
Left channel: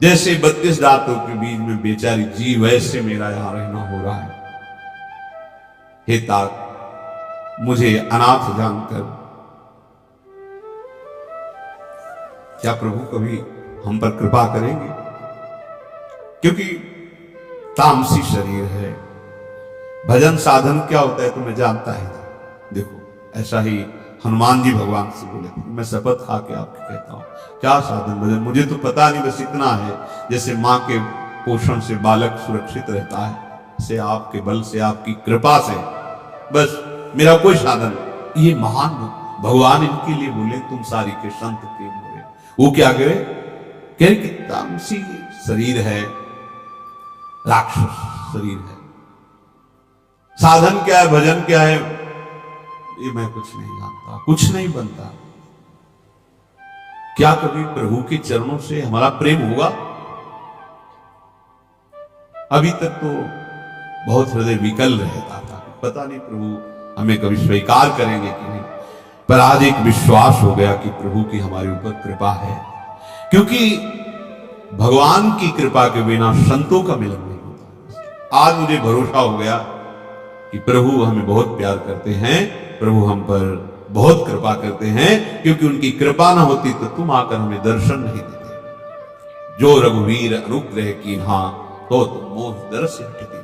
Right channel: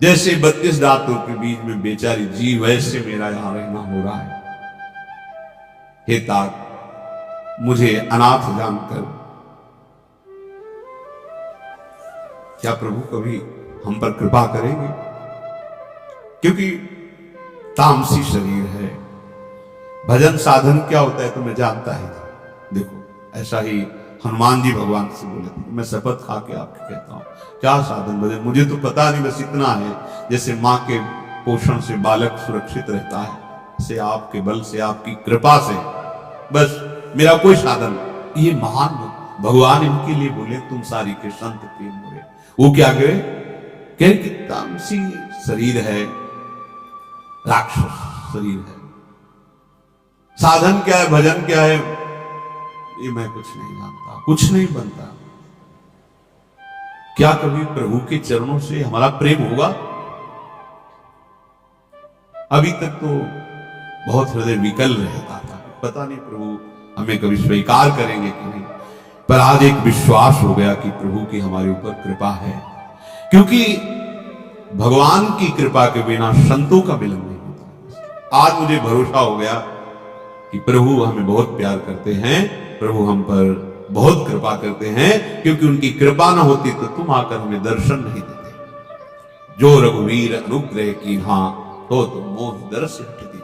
जैसे 32 दांतों के बीच में बेचारी जीव, वैसे मेरा यहां रहना हो रहा है। हे तात, मुझे अनाथ जानकर क्या प्रभु कभी हम पर कृपा करेंगे? क्योंकि तामसी शरीर है, भजन साधन क्या होता है तो मैं जानता ही नहीं। देखो ऐसा ही हनुमान जी भगवान से बोले थे, मैं शपथ खा के आपको कहता हूं, क्या साधन भजन मुझे तो पता नहीं, बस इतना है जैसे मां के पोषण से बालक सुरक्षित रहता है, से आपके बल से, आपकी कृपा से, बस मेरा कोई साधन। ये महान भगवान इनके लिए बोले, तुम सारी के संत प्रेम बोले। वो क्या कहे कि तामसी शरीर है, राक्षस शरीर है, साधन क्या है, भजन क्या है, ये मैं कुछ नहीं जानता, कुछ नहीं बनता। क्या कभी प्रभु के चरणों से हमारा प्रेम होगा? अभी तक तो बहुत हृदय विकल रहता था, पता नहीं प्रभु हमें कभी स्वीकार करेंगे कि नहीं। पर आज एक विश्वास हो गया कि प्रभु की हमारे ऊपर कृपा है, क्योंकि भगवान की कृपा के बिना संतों का मिलन नहीं होता। आज मुझे भरोसा हो गया कि प्रभु हमें बहुत प्यार करते हैं, प्रभु हम पर बहुत कृपा करते हैं, क्योंकि उनकी कृपा ना होती तो तुम आकर हमें दर्शन नहीं देते। जो रघुवीर अनुग्रह की हाँ तो तुम मोह दर्श हटती।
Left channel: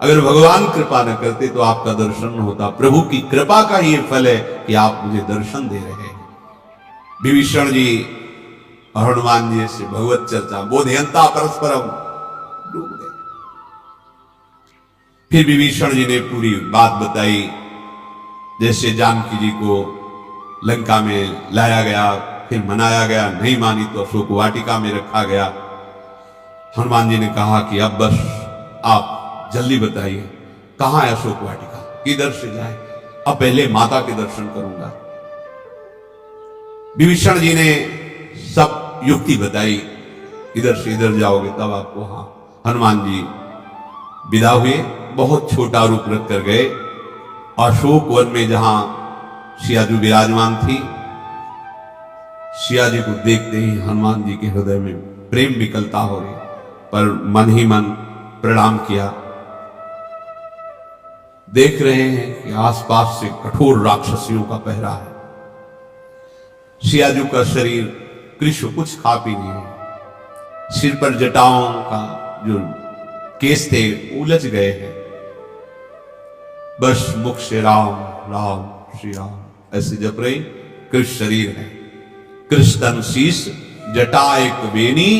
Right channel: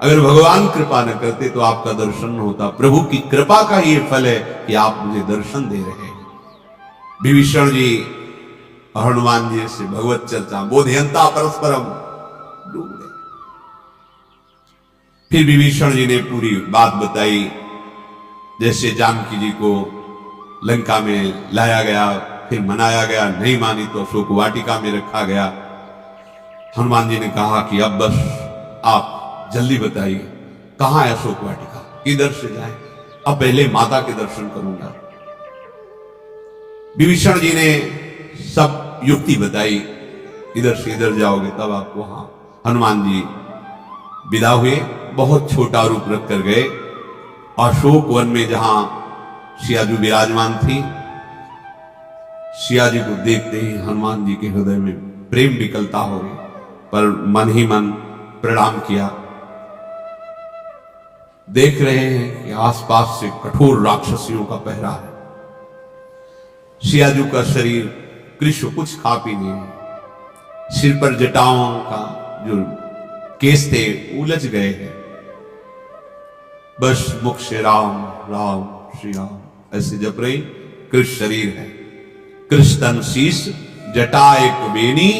अगर भगवान कृपा न करते तो आपका दर्शन न होता। प्रभु की कृपा का ये फल है कि आप मुझे दर्शन दे रहे हैं। विभीषण जी और हनुमान जी से भगवत चर्चा बोधयंता परस्परम डूब गए। फिर विभीषण जी ने पूरी बात बताई, जैसे जानकी जी को लंका में लाया गया, फिर मनाया गया, नहीं मानी तो अशोक वाटिका में रखा गया। हनुमान जी ने कहा कि अब बस आप जल्दी बताइए कहां है अशोक वाटिका, किधर से जाए, अब पहले माता के दर्शन करूंगा। विभीषण जी ने सब युक्ति बताई, इधर से इधर जाओगे तब आपको। हाँ, हनुमान जी विदा हुए, बहुत छोटा रूप रख कर गए अशोक वन में, जहां सियाजू विराजमान थी। सिया जी को देखते ही हनुमान जी के हृदय में प्रेम विकलता हो रही, पर मन ही मन प्रणाम किया। देख रहे हैं कि आसपास से कठोर राक्षसियों का पहरा है। सियाजू का शरीर कृष्ण कुछ खा पी नहीं है, सिर पर जटाओं का जो केस थे उलझ गए हैं, बस मुख से राम राम श्री राम ऐसे जप रहे। कृष्ण शरीर है, कृष्ण तन शीश जटा एक बेनी,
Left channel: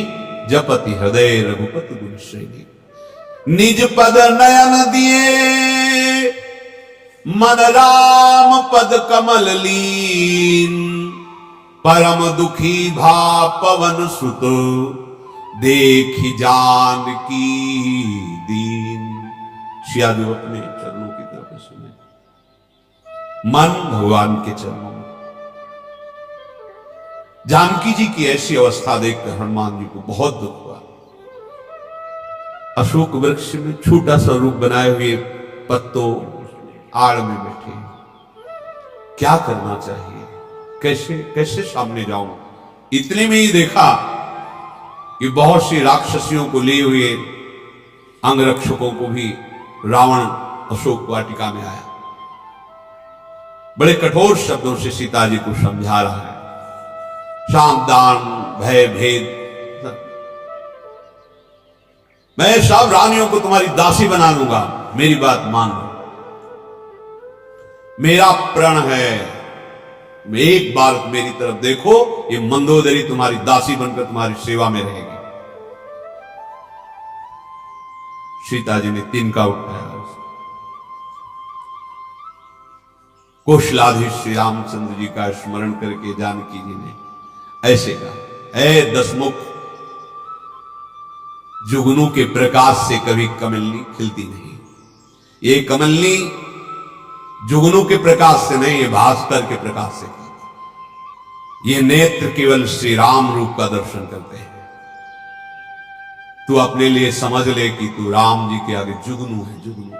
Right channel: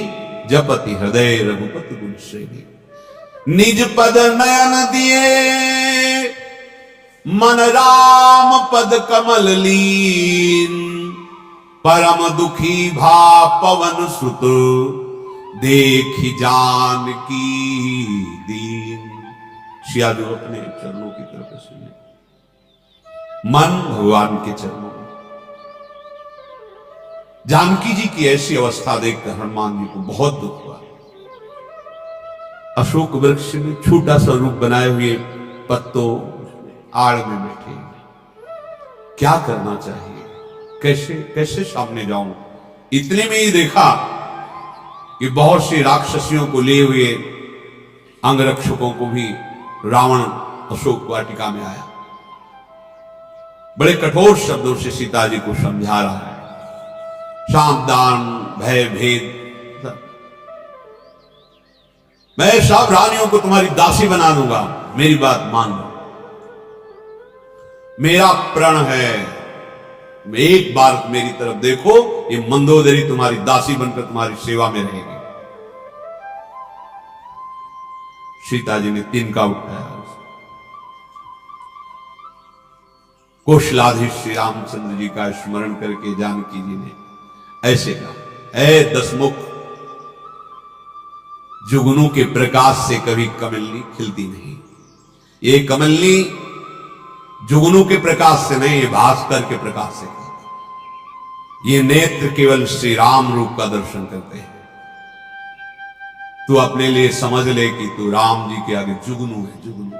जपति हृदय रघुपति गुण श्रेणी। निज पद नयन दिए, मन राम पद कमल लीन, परम दुखी भा पवन सुत, देखि जान की दीन। सियाजू अपने चरणों की तरफ सुने, मन भगवान के चरणों में। जानकी जी की ऐसी अवस्था देखकर हनुमान जी को बहुत दुख हुआ। अशोक वृक्ष में छोटा सा रूप बनाए हुए पत्तों आड़ में बैठे, क्या करना चाहिए, कैसे कैसे सामने जाऊं। इतने में ही देखा कि बहुत सी राक्षसियों को लिए हुए अंगरक्षकों को भी रावण अशोक वाटिका में आया। बड़े कठोर शब्दों से सीता जी को समझा रहा है, सावधान भय भेद, मैं सब रानियों को तुम्हारी दासी बना दूंगा, मेरी बात मान लो। मेरा प्रण है, एक बार मेरी तरफ देखो, ये मंदोदरी तुम्हारी दासी बनकर तुम्हारी सेवा में रहेगी। सीता जी ने तिनका उठाया। कौशलाधीश श्री रामचंद्र जी का स्मरण करके जानकी जी ने ऐसे कहा, ऐ दसमुख, जुगनू के प्रकाश से कभी कमलनी खिलती नहीं। ये कमलनी जुगनू के प्रकाश से नहीं, ये भास्कर के प्रकाश से खिलती। ये नेत्र केवल श्री राम रूप का दर्शन करते हैं। तू अपने लिए समझ ले कि तू राम जी के आगे जुगनू है, जुगनू।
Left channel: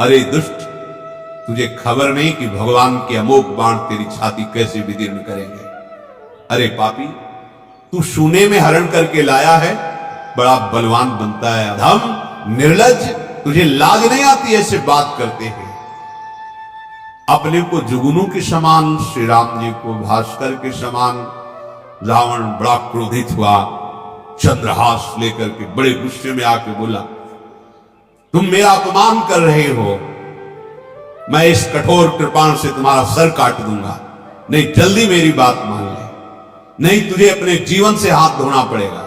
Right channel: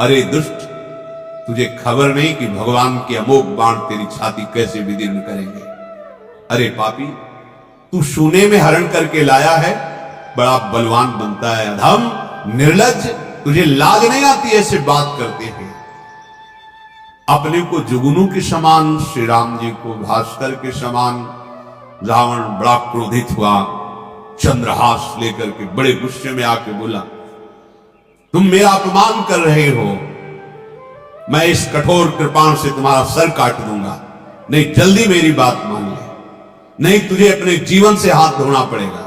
अरे दुष्ट, तुझे खबर नहीं कि भगवान के अमोघ बाण तेरी छाती कैसे विदीर्ण करेंगे। अरे पापी, तू सोने में हरण करके लाया है, बड़ा बलवान बनता है। अधम निर्लज्ज, तुझे लाज नहीं आती ऐसे बात करते हैं। अपने को जुगनू के समान, श्री राम जी को भास्कर के समान। रावण बड़ा क्रोधित हुआ, चंद्रहास लेकर के बड़े गुस्से में आके बोला, तुम मेरा अपमान कर रहे हो, मैं इस कठोर कृपाण से तुम्हारा सर काट दूंगा। नहीं, जल्दी मेरी बात मान ले, नहीं तुझे अपने जीवन से हाथ धोना पड़ेगा।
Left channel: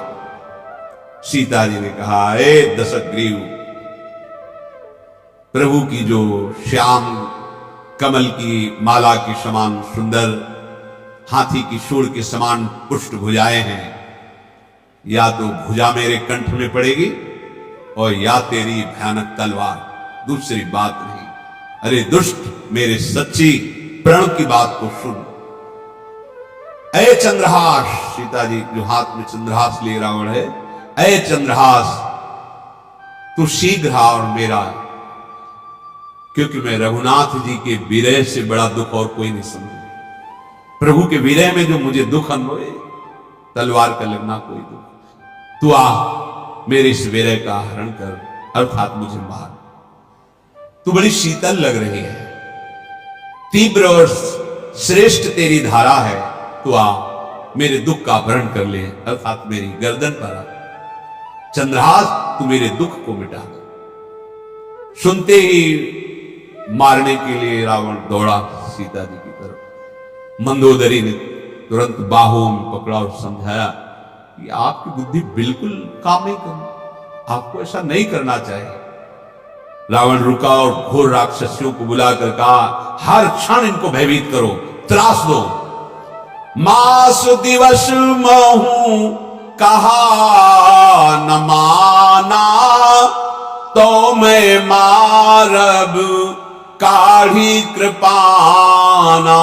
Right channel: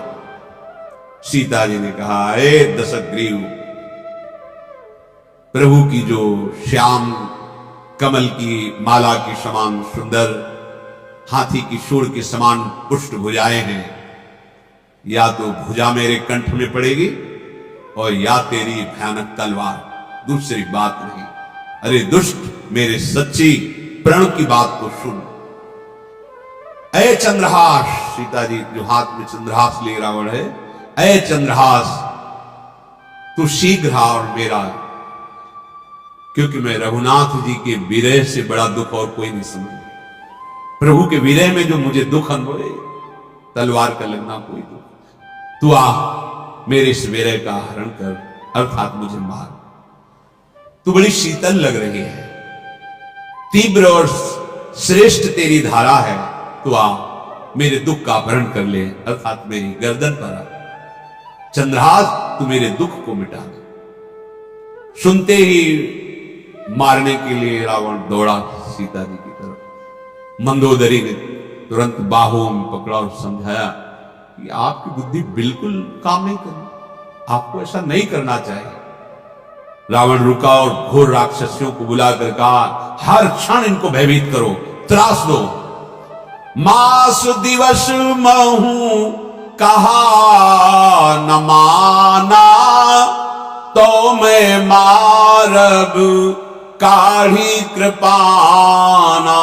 सीता जी ने कहा, ए दशग्रीव, प्रभु की जो श्याम कमल की माला की समान सुंदर, हाथी की सूंड के समान पुष्ट भुजाएं हैं, या तो भुजा मेरे कंठ में पड़ेगी और या तेरी भयानक तलवार, दूसरी बात नहीं। अरे दुष्ट, मेरे सच्ची प्रण की बात को सुन। ऐ चंद्रहास, सीता जी जो हाथ में चंद्रहास ले रावण है, ऐ चंद्रहास, तू शीघ्र आ और मेरा, क्योंकि मैं रघुनाथ जी के विरह से बड़ा दुख और कोई नहीं समझ। प्रभु के विरह में जो मुझे दुख अनुभवे, तलवार का लगना कोई दुख। तू आ, मेरे इस विरह का हरण कर, अर्थात मुझे मार। तू बड़ी शीतल लग रही है, तीव्र और श्रेष्ठ तेरी धारा है। तू आ, मेरे दुख का अपहरण कर ले, अर्थात मेरी गर्दन पर आ। चंद्रहास, तू मेरे दुख को मिटा दे। सुनते ही मारने के लिए रावण दौड़ा सीता जी की तरफ। मंदोदरी ने तुरंत बाहों में पकड़ा और समझाया कि आपकी बुद्धि बिल्कुल काम नहीं करनी, आपको ऐसा नहीं करना चाहिए। रावण रुका और घोर राक्षसियों को बुलाकर कहा, हर क्षण इनको भयभीत करो, त्रास दो। मास दिवस महू कहा न माना, तो मैं मारब काढ़ी कृपाना।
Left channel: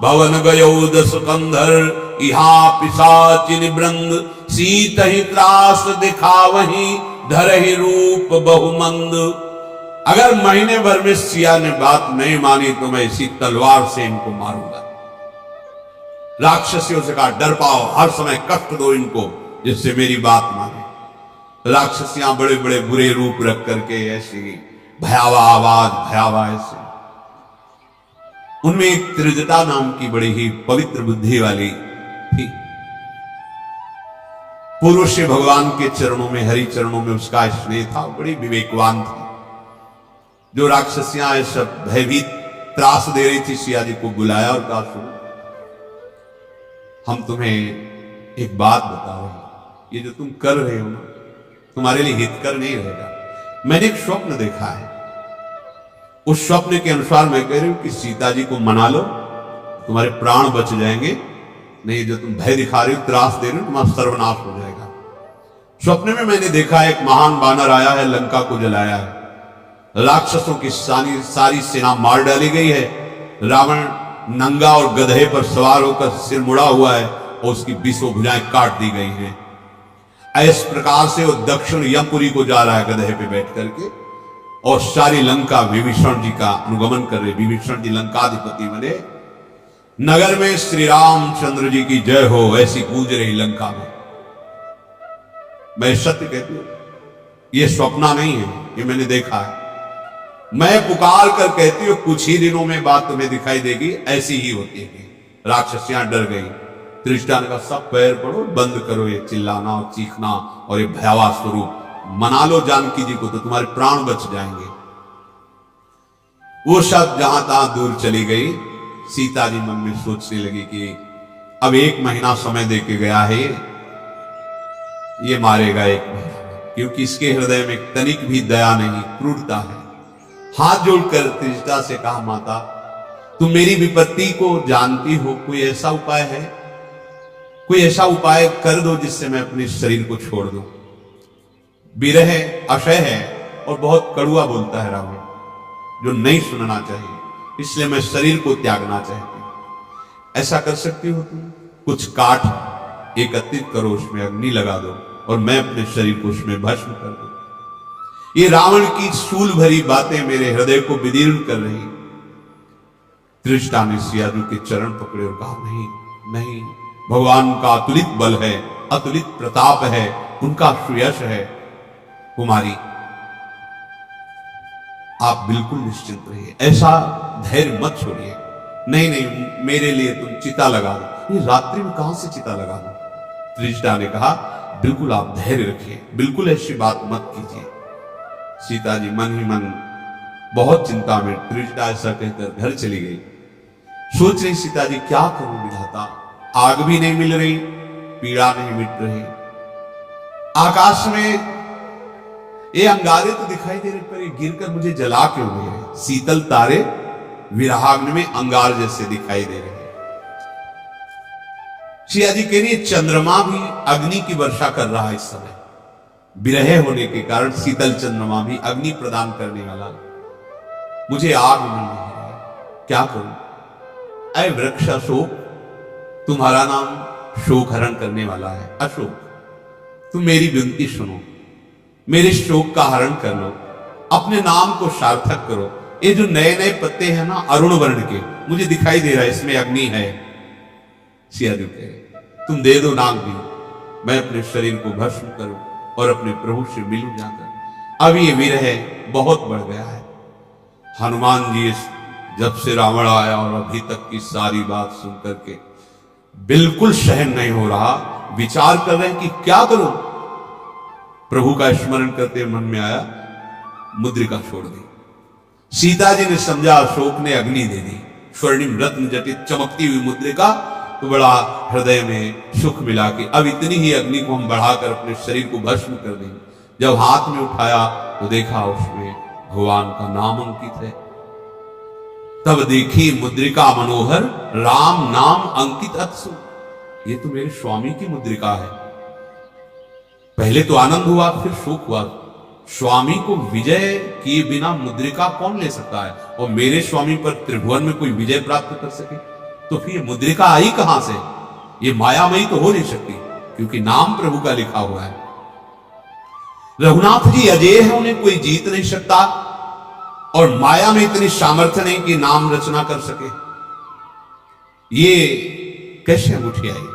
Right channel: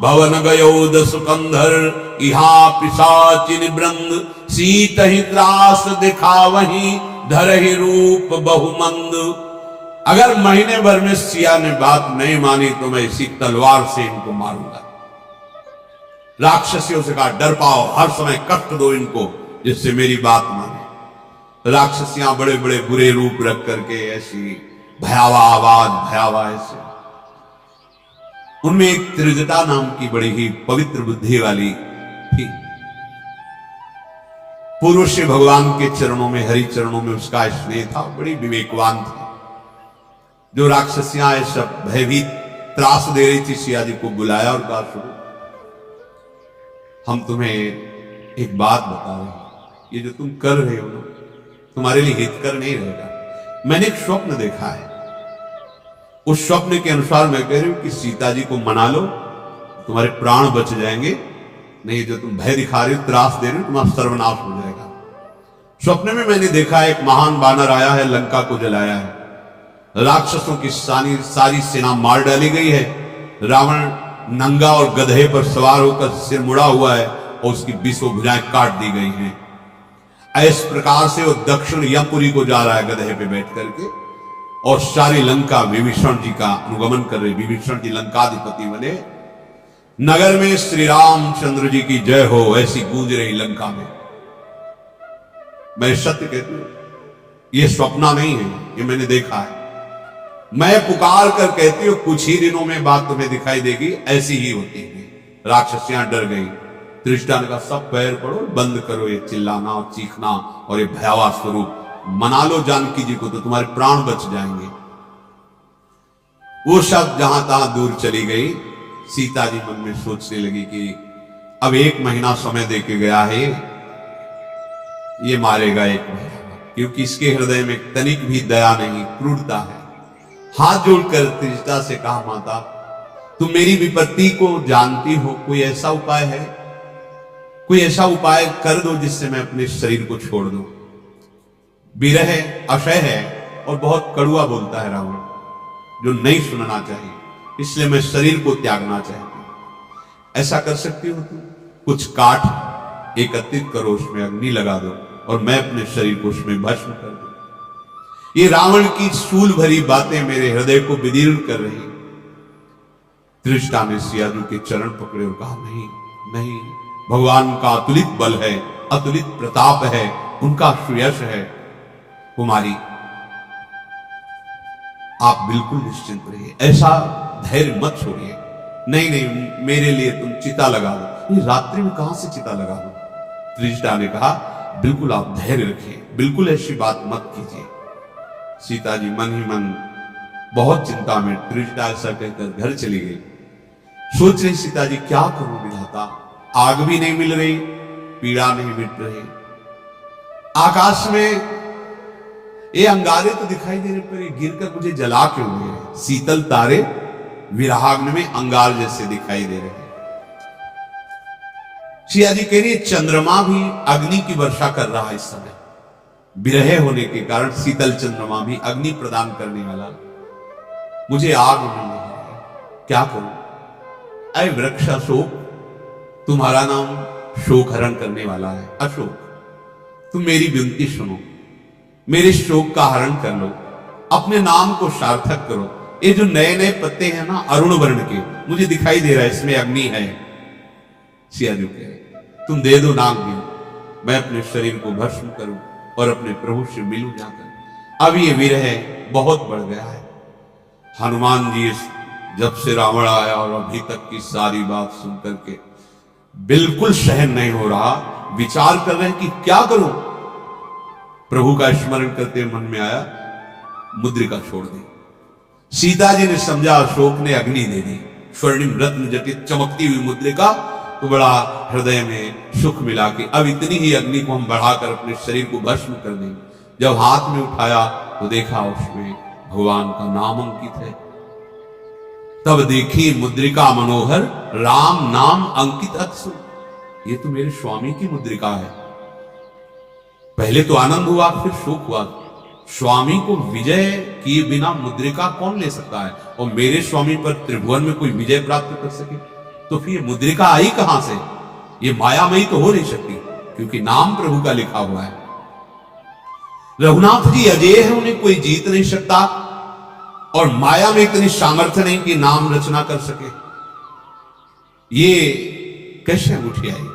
भवन गयो दस कंधर, इहा पिशाचिन वृंद, सीत ही त्रास दिखा वहीं, धरहि रूप बहुमंद। अगर महीने भर में सिया ने बात नहीं मानी तो मैं इसी तलवार से इनको मारूंगा। राक्षसियों से कहा, डर पाओ, हर समय कष्ट दो इनको, जिससे मेरी बात माने। राक्षसियां बड़े बड़े बुरे रूप रख करके ऐसी भयावह आवाज, भयावह ऐसे। उनमें एक त्रिजटा नाम की बड़ी ही पवित्र बुद्धि वाली थी। पूर्व से भगवान के चरणों में, हरि चरणों में उसका स्नेह था, बड़ी विवेकवान थी। जो राक्षसियां सब भयभीत त्रास दे रही थी, सिया जी को बुलाया और कहा, सुनो, हम तुम्हें एक बात बता रहे हैं, ये जो तुम कर रहे हो ना, तुम्हारे लिए हितकर नहीं रहेगा। मैंने एक स्वप्न देखा है, उस स्वप्न के अनुसार मैं कह रही हूं कि सीता जी को मना लो, तुम्हारे प्राण बच जाएंगे, नहीं जो तुम भय दिखा रही हो, त्रास दे रही हो, तुम्हारा सर्वनाश हो जाएगा। स्वप्न में मैंने देखा एक महान बानर आया है, लंका को जलाया है, राक्षसों की सारी सेना मार डाली गई है, रावण नंगा और गधे पर सवार होकर सिर मुड़ा हुआ है और उसकी 20 भुजाएं काट दी गई हैं। इस प्रकार से वो दक्षिण यमपुरी को जा रहा है गधे पे बैठ करके, और सारी लंका विभीषण जी का अनुगमन कर रहे। विभीषण जी लंकाधिपति बने, नगर में श्री रामचंद्र जी की जय हो ऐसी गूंज रही लंका में। मैं सत्य कहती हूं, ये स्वप्ना नहीं है, ये मैंने देखा है। मैं पुकार कर कहती हूं, कुछ ही दिनों में बात तुम्हें दिखाई देगी, ऐसी ही होती है। राक्षसियां डर गई। त्रिष्टा ने कहा, सब पैर पड़ो, बंद करो ये चिल्लाना और चीखना और ये भयावह स्वरूप, मना लो जानकी जी को तो तुम्हारे प्राण बच जाएंगे। वो सब जहां तहां दूर चली गई। सीता जी मन में सोचने लगी कि अब 1 महीना समय दे के गया है, ये मारेगा 1 महीना, क्योंकि इसके हृदय में तनिक भी दया नहीं, क्रूरता है। हाथ जोड़कर त्रिजटा से कहा, माता तुम मेरी विपत्ति को जानती हो, कोई ऐसा उपाय है, कोई ऐसा उपाय कर दो जिससे मैं अपने शरीर को छोड़ दूं। विरह अक्षय है और बहुत कड़ुआ बोलता है रावण, जो नहीं सुनना चाहिए, इसलिए मैं शरीर को त्यागना चाहती हूं। ऐसा कर सकती हो तुम? कुछ काठ एकत्रित करो, उसमें अग्नि लगा दो और मैं अपने शरीर को उसमें भस्म कर दूं। ये रावण की शूल भरी बातें मेरे हृदय को विदीर्ण कर रही। त्रिष्टा ने सियाजू के चरण पकड़े और कहा, नहीं नहीं, भगवान का अतुलित बल है, अतुलित प्रताप है, उनका सुयश है। कुमारी आप बिल्कुल निश्चिंत रहिए, ऐसा धैर्य मत छोड़िए। नहीं नहीं, मेरे लिए तुम चिता लगा दो। ये रात्रि में कहां से चिता लगा दो? त्रिजटा ने कहा, बिल्कुल आप धैर्य रखिए, बिल्कुल ऐसी बात मत कीजिए। सीता जी मन ही मन बहुत चिंता में, त्रिजटा ऐसा कहकर घर चली गई। सोच रही सीता जी, क्या करूं विधाता, आग भी नहीं मिल रही, पीड़ा नहीं मिट रही, आकाश में ये अंगारे तो दिखाई दे रहे, पर ये गिरकर मुझे जला क्यों दे रहे? शीतल तारे विरहाग्नि में अंगार जैसे दिखाई दे रहे। सिया जी कह रही है, चंद्रमा भी अग्नि की वर्षा कर रहा है इस समय, विरह होने के कारण शीतल चंद्रमा भी अग्नि प्रदान करने वाला, मुझे आग मिल नहीं रही, क्या करूं? अय वृक्ष अशोक, तुम्हारा नाम शोक हरण करने वाला है। अशोक, तुम मेरी विनती सुनो, मेरे शोक का हरण कर लो, अपने नाम को सार्थक करो। ये जो नए नए पत्ते हैं ना अरुण वर्ण के, मुझे दिखाई दे रहा है इसमें अग्नि है। सियाजू कहे, तुम दे दो नाग भी, मैं अपने शरीर को भस्म करूं और अपने प्रभु से मिलूं जाकर। अब ये विरह बहुत बढ़ गया है। हनुमान जी जब से रावण आया और अभी तक की सारी बात सुन करके बिल्कुल सहन नहीं हो रहा, विचार कर रहे हैं कि क्या करूं। प्रभु का स्मरण करते मन में आया, मुद्रिका छोड़ दी। सीता जी ने समझा अशोक ने अग्नि दे दी, स्वर्णिम रत्न जटित चमकती हुई मुद्रिका, तो बड़ा हृदय में सुख मिला कि अब इतनी ही अग्नि को हम बढ़ाकर अपने शरीर को भस्म कर देंगे। जब हाथ में उठाया तो देखा उसमें भगवान का नाम अंकित है। तब देखी मुद्रिका मनोहर, राम नाम अंकित अत्सु, ये तो मेरे स्वामी की मुद्रिका है। पहले तो आनंद हुआ, फिर शोक हुआ। स्वामी को विजय किए बिना मुद्रिका कौन ले सकता है? और मेरे स्वामी पर त्रिभुवन में कोई विजय प्राप्त कर सके तो फिर मुद्रिका आई कहां से? ये मायामयी तो हो नहीं सकती, क्योंकि नाम प्रभु का लिखा हुआ है। रघुनाथ जी अजय है, उन्हें कोई जीत नहीं सकता, और माया में इतनी सामर्थ्य नहीं कि नाम रचना कर सके। ये कैसे अंगूठी आई?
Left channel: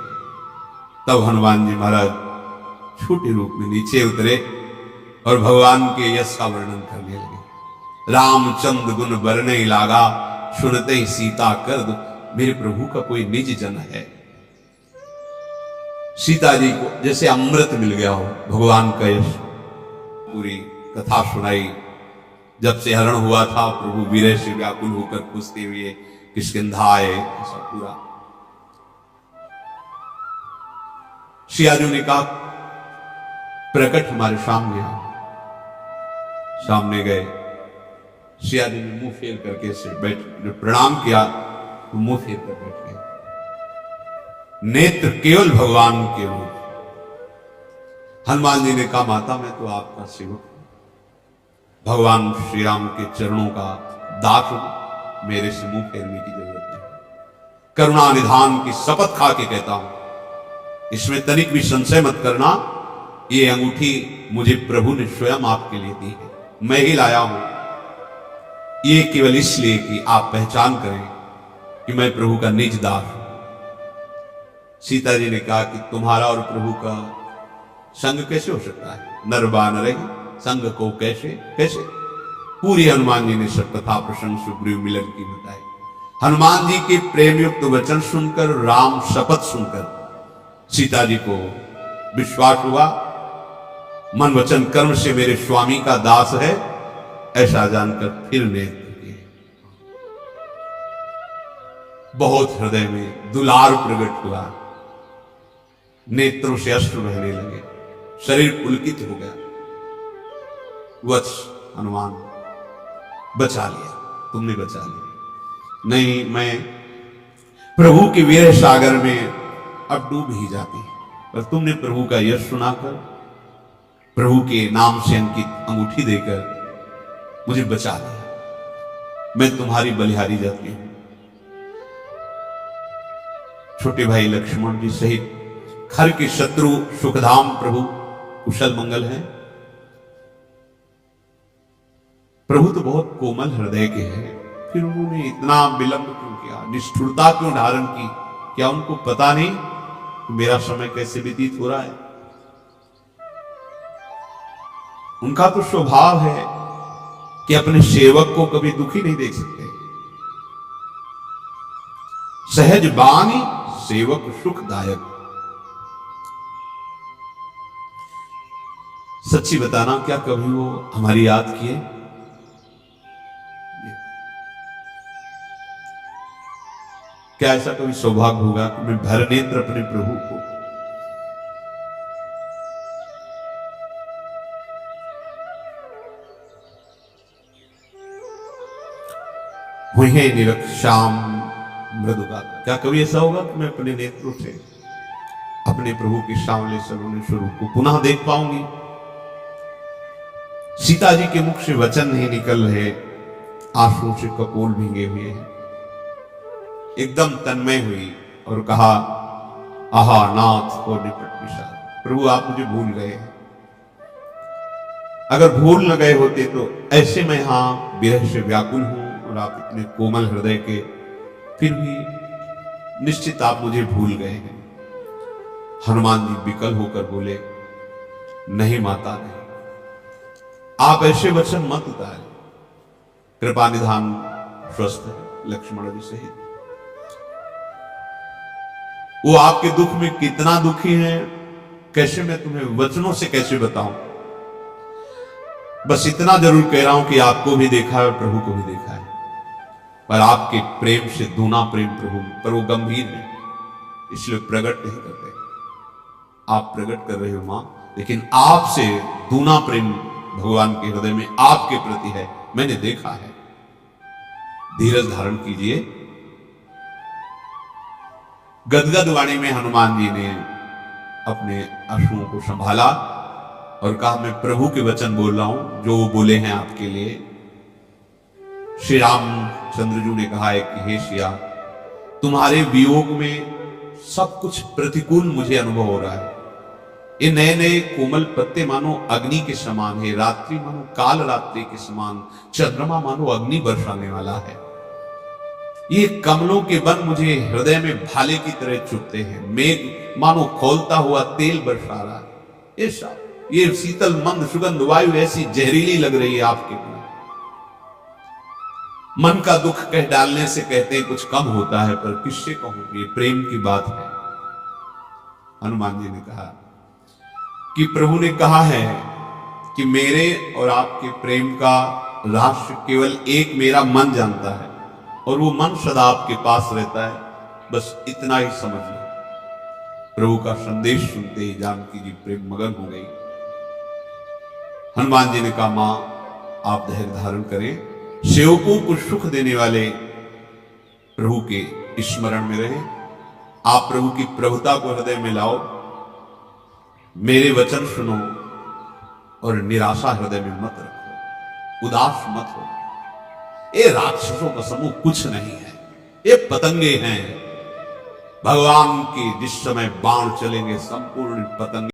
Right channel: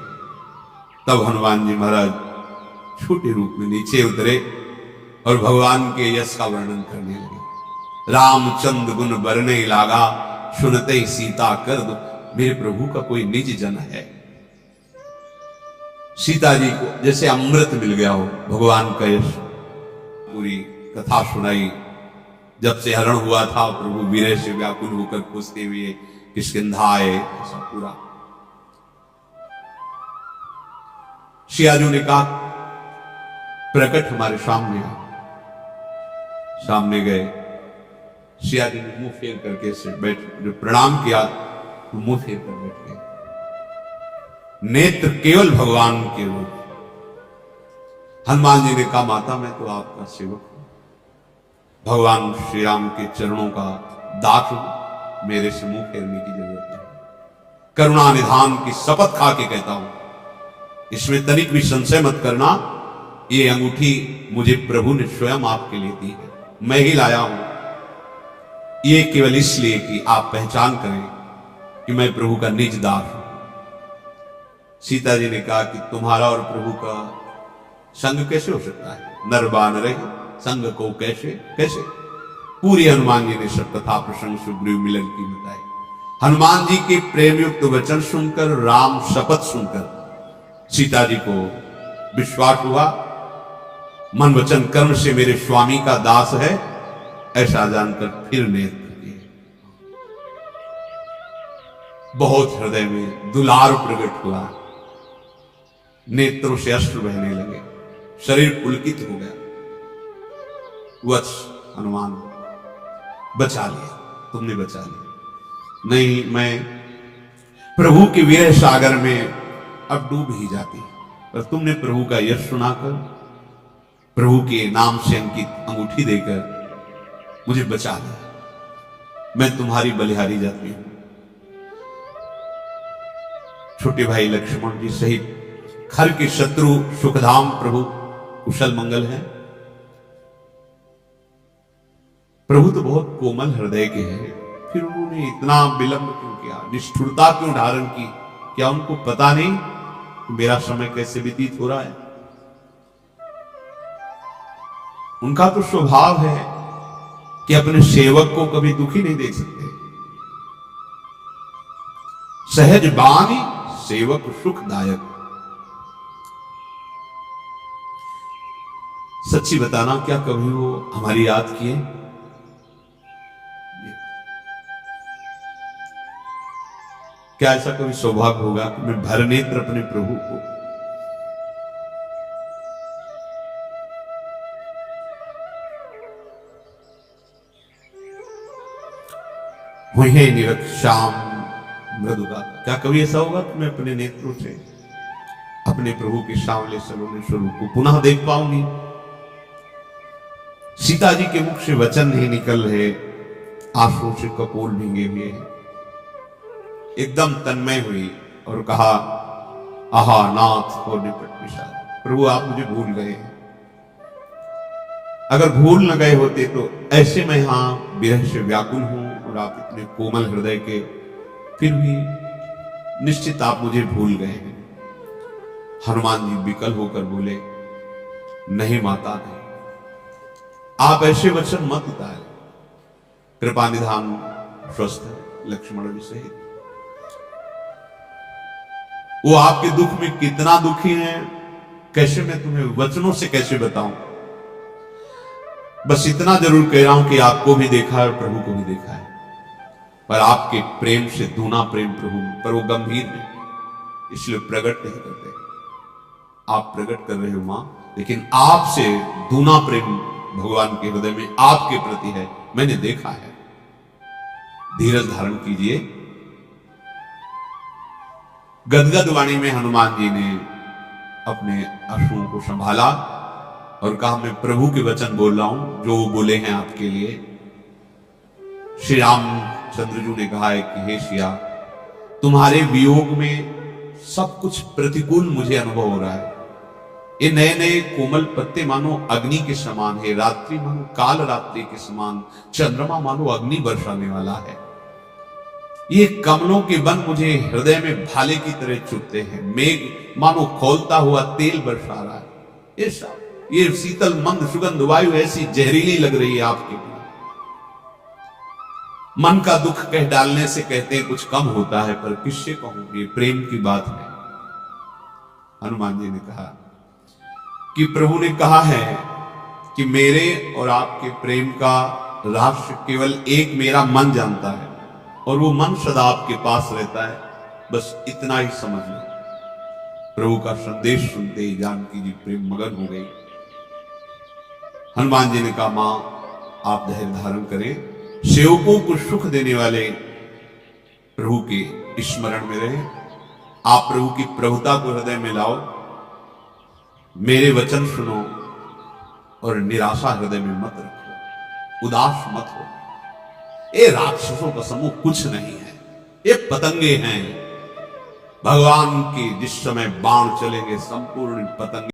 तब हनुमान जी महाराज छोटे रूप में नीचे उतरे और भगवान के यश का वर्णन करने लगे। रामचंद्र गुण बरने लागा, सुनते ही सीता कर दो। मेरे प्रभु का कोई निज जन है। सीता जी को जैसे अमृत मिल गया हो भगवान का यश। पूरी कथा सुनाई। जब से हरण हुआ था प्रभु वीर से व्याकुल होकर पूछते हुए किष्किंधा आए, ऐसा पूरा। सियाजू ने कहा प्रकट हमारे सामने आओ। सामने गए। सियाजी ने मुंह फेर करके से बैठ, जो प्रणाम किया तो मुंह फेर कर बैठ गए। नेत्र केवल भगवान के रूप। हनुमान जी ने कहा माता मैं तो आपका सेवक हूं, भगवान श्री राम के चरणों का दास हूं, मेरे से मुंह फेरने की जरूरत नहीं। करुणा निधान की शपथ खा के कहता हूं, इसमें तनिक भी संशय मत करना। ये अंगूठी मुझे प्रभु ने स्वयं आपके लिए दी है, मैं ही लाया हूं। ये केवल इसलिए कि आप पहचान करें कि मैं प्रभु का निज दास हूं। सीता जी ने कहा कि तुम्हारा और प्रभु का संग कैसे हो सकता है? नर बानर संग को कैसे कैसे? पूरी हनुमान जी ने सब कथा प्रसंग सुग्रीव मिलन की बताई। हनुमान जी के प्रेम युक्त वचन सुनकर, राम शपथ सुनकर सीता जी को विश्वास हुआ, मन वचन कर्म से मेरे स्वामी का दास है, ऐसा जानकर फिर नेत्र किए। बहुत हृदय में दुलार प्रकट हुआ, नेत्रों से अश्रु बहने लगे, शरीर पुलकित हो गया। वत्स हनुमान बचा लिया, तुमने बचा लिया। नहीं, मैं प्रभु के वीर सागर में अब डूब ही जाती, पर तुमने प्रभु का यश सुनाकर, प्रभु के नाम से अंकित अंगूठी देकर मुझे बचा लिया। मैं तुम्हारी बलिहारी जाती हूं। छोटे भाई लक्ष्मण जी सहित खर के शत्रु सुखधाम प्रभु कुशल मंगल हैं। प्रभु तो बहुत कोमल हृदय के हैं, फिर उन्होंने इतना विलंब क्यों किया, निष्ठुरता क्यों धारण की? क्या उनको पता नहीं कि मेरा समय कैसे व्यतीत हो रहा है? उनका तो स्वभाव है कि अपने सेवक को कभी दुखी नहीं देख सकते। सहज बानी सेवक सुखदायक। सच्ची बताना, क्या कभी वो हमारी याद किए? क्या ऐसा कभी सौभाग्य होगा कि मैं भर नेत्र अपने प्रभु को वही निरक्षाम मृदुगा? क्या कभी ऐसा होगा कि मैं अपने नेत्रों से अपने प्रभु के सांवले सलोने स्वरूप को पुनः देख पाऊंगी? सीता जी के मुख से वचन नहीं निकल रहे, आंसुओं से कपोल भींगे हुए हैं। एकदम तन्मय हुई और कहा आहा नाथ और निपट विशाल, प्रभु आप मुझे भूल गए हैं। अगर भूल न गए होते तो ऐसे मैं यहां विरह से व्याकुल हूं और आप इतने कोमल हृदय के, फिर भी निश्चित आप मुझे भूल गए हैं। हनुमान जी विकल होकर बोले नहीं माता नहीं, आप ऐसे वचन मत उतारे। कृपा निधान स्वस्थ है लक्ष्मण जी सहित। वो आपके दुख में कितना दुखी है, कैसे मैं तुम्हें वचनों से कैसे बताऊं? बस इतना जरूर कह रहा हूं कि आपको भी देखा है और प्रभु को भी देखा है, पर आपके प्रेम से दूना प्रेम प्रभु पर वो गंभीर नहीं, इसलिए प्रकट नहीं करते। आप प्रकट कर रहे हो मां, लेकिन आपसे दूना प्रेम भगवान के हृदय में आपके प्रति है, मैंने देखा है। धीरज धारण कीजिए। गदगद वाणी में हनुमान जी ने अपने अश्रुओं को संभाला और कहा मैं प्रभु के वचन बोल रहा हूं जो वो बोले हैं आपके लिए। श्री रामचंद्र जी ने कहा है कि हे सिया, तुम्हारे वियोग में सब कुछ प्रतिकूल मुझे अनुभव हो रहा है। ये नए नए कोमल पत्ते मानो अग्नि के समान है, रात्रि मानो काल रात्रि के समान, चंद्रमा मानो अग्नि बरसाने वाला है। ये कमलों के वन मुझे हृदय में भाले की तरह चुभते हैं, मेघ मानो खोलता हुआ तेल बरसा रहा है। ये शीतल मंद सुगंध वायु ऐसी जहरीली लग रही है आपके लिए। मन का दुख कह डालने से कहते हैं कुछ कम होता है, पर किससे कहूं, ये प्रेम की बात है। हनुमान जी ने कहा कि प्रभु ने कहा है कि मेरे और आपके प्रेम का रहस्य केवल एक मेरा मन जानता है, और वो मन सदा आपके पास रहता है, बस इतना ही समझ लो। प्रभु का संदेश सुनते ही जानकी जी प्रेम मगन हो गई। हनुमान जी ने कहा, मां आप धैर्य धारण करें, सेवकों को सुख देने वाले प्रभु के स्मरण में रहे, आप प्रभु की प्रभुता को हृदय में लाओ, मेरे वचन सुनो और निराशा हृदय में मत रखो, उदास मत हो। ये राक्षसों का समूह कुछ नहीं है, ये पतंगे हैं। भगवान के जिस समय बाण चलेंगे संपूर्ण पतंगे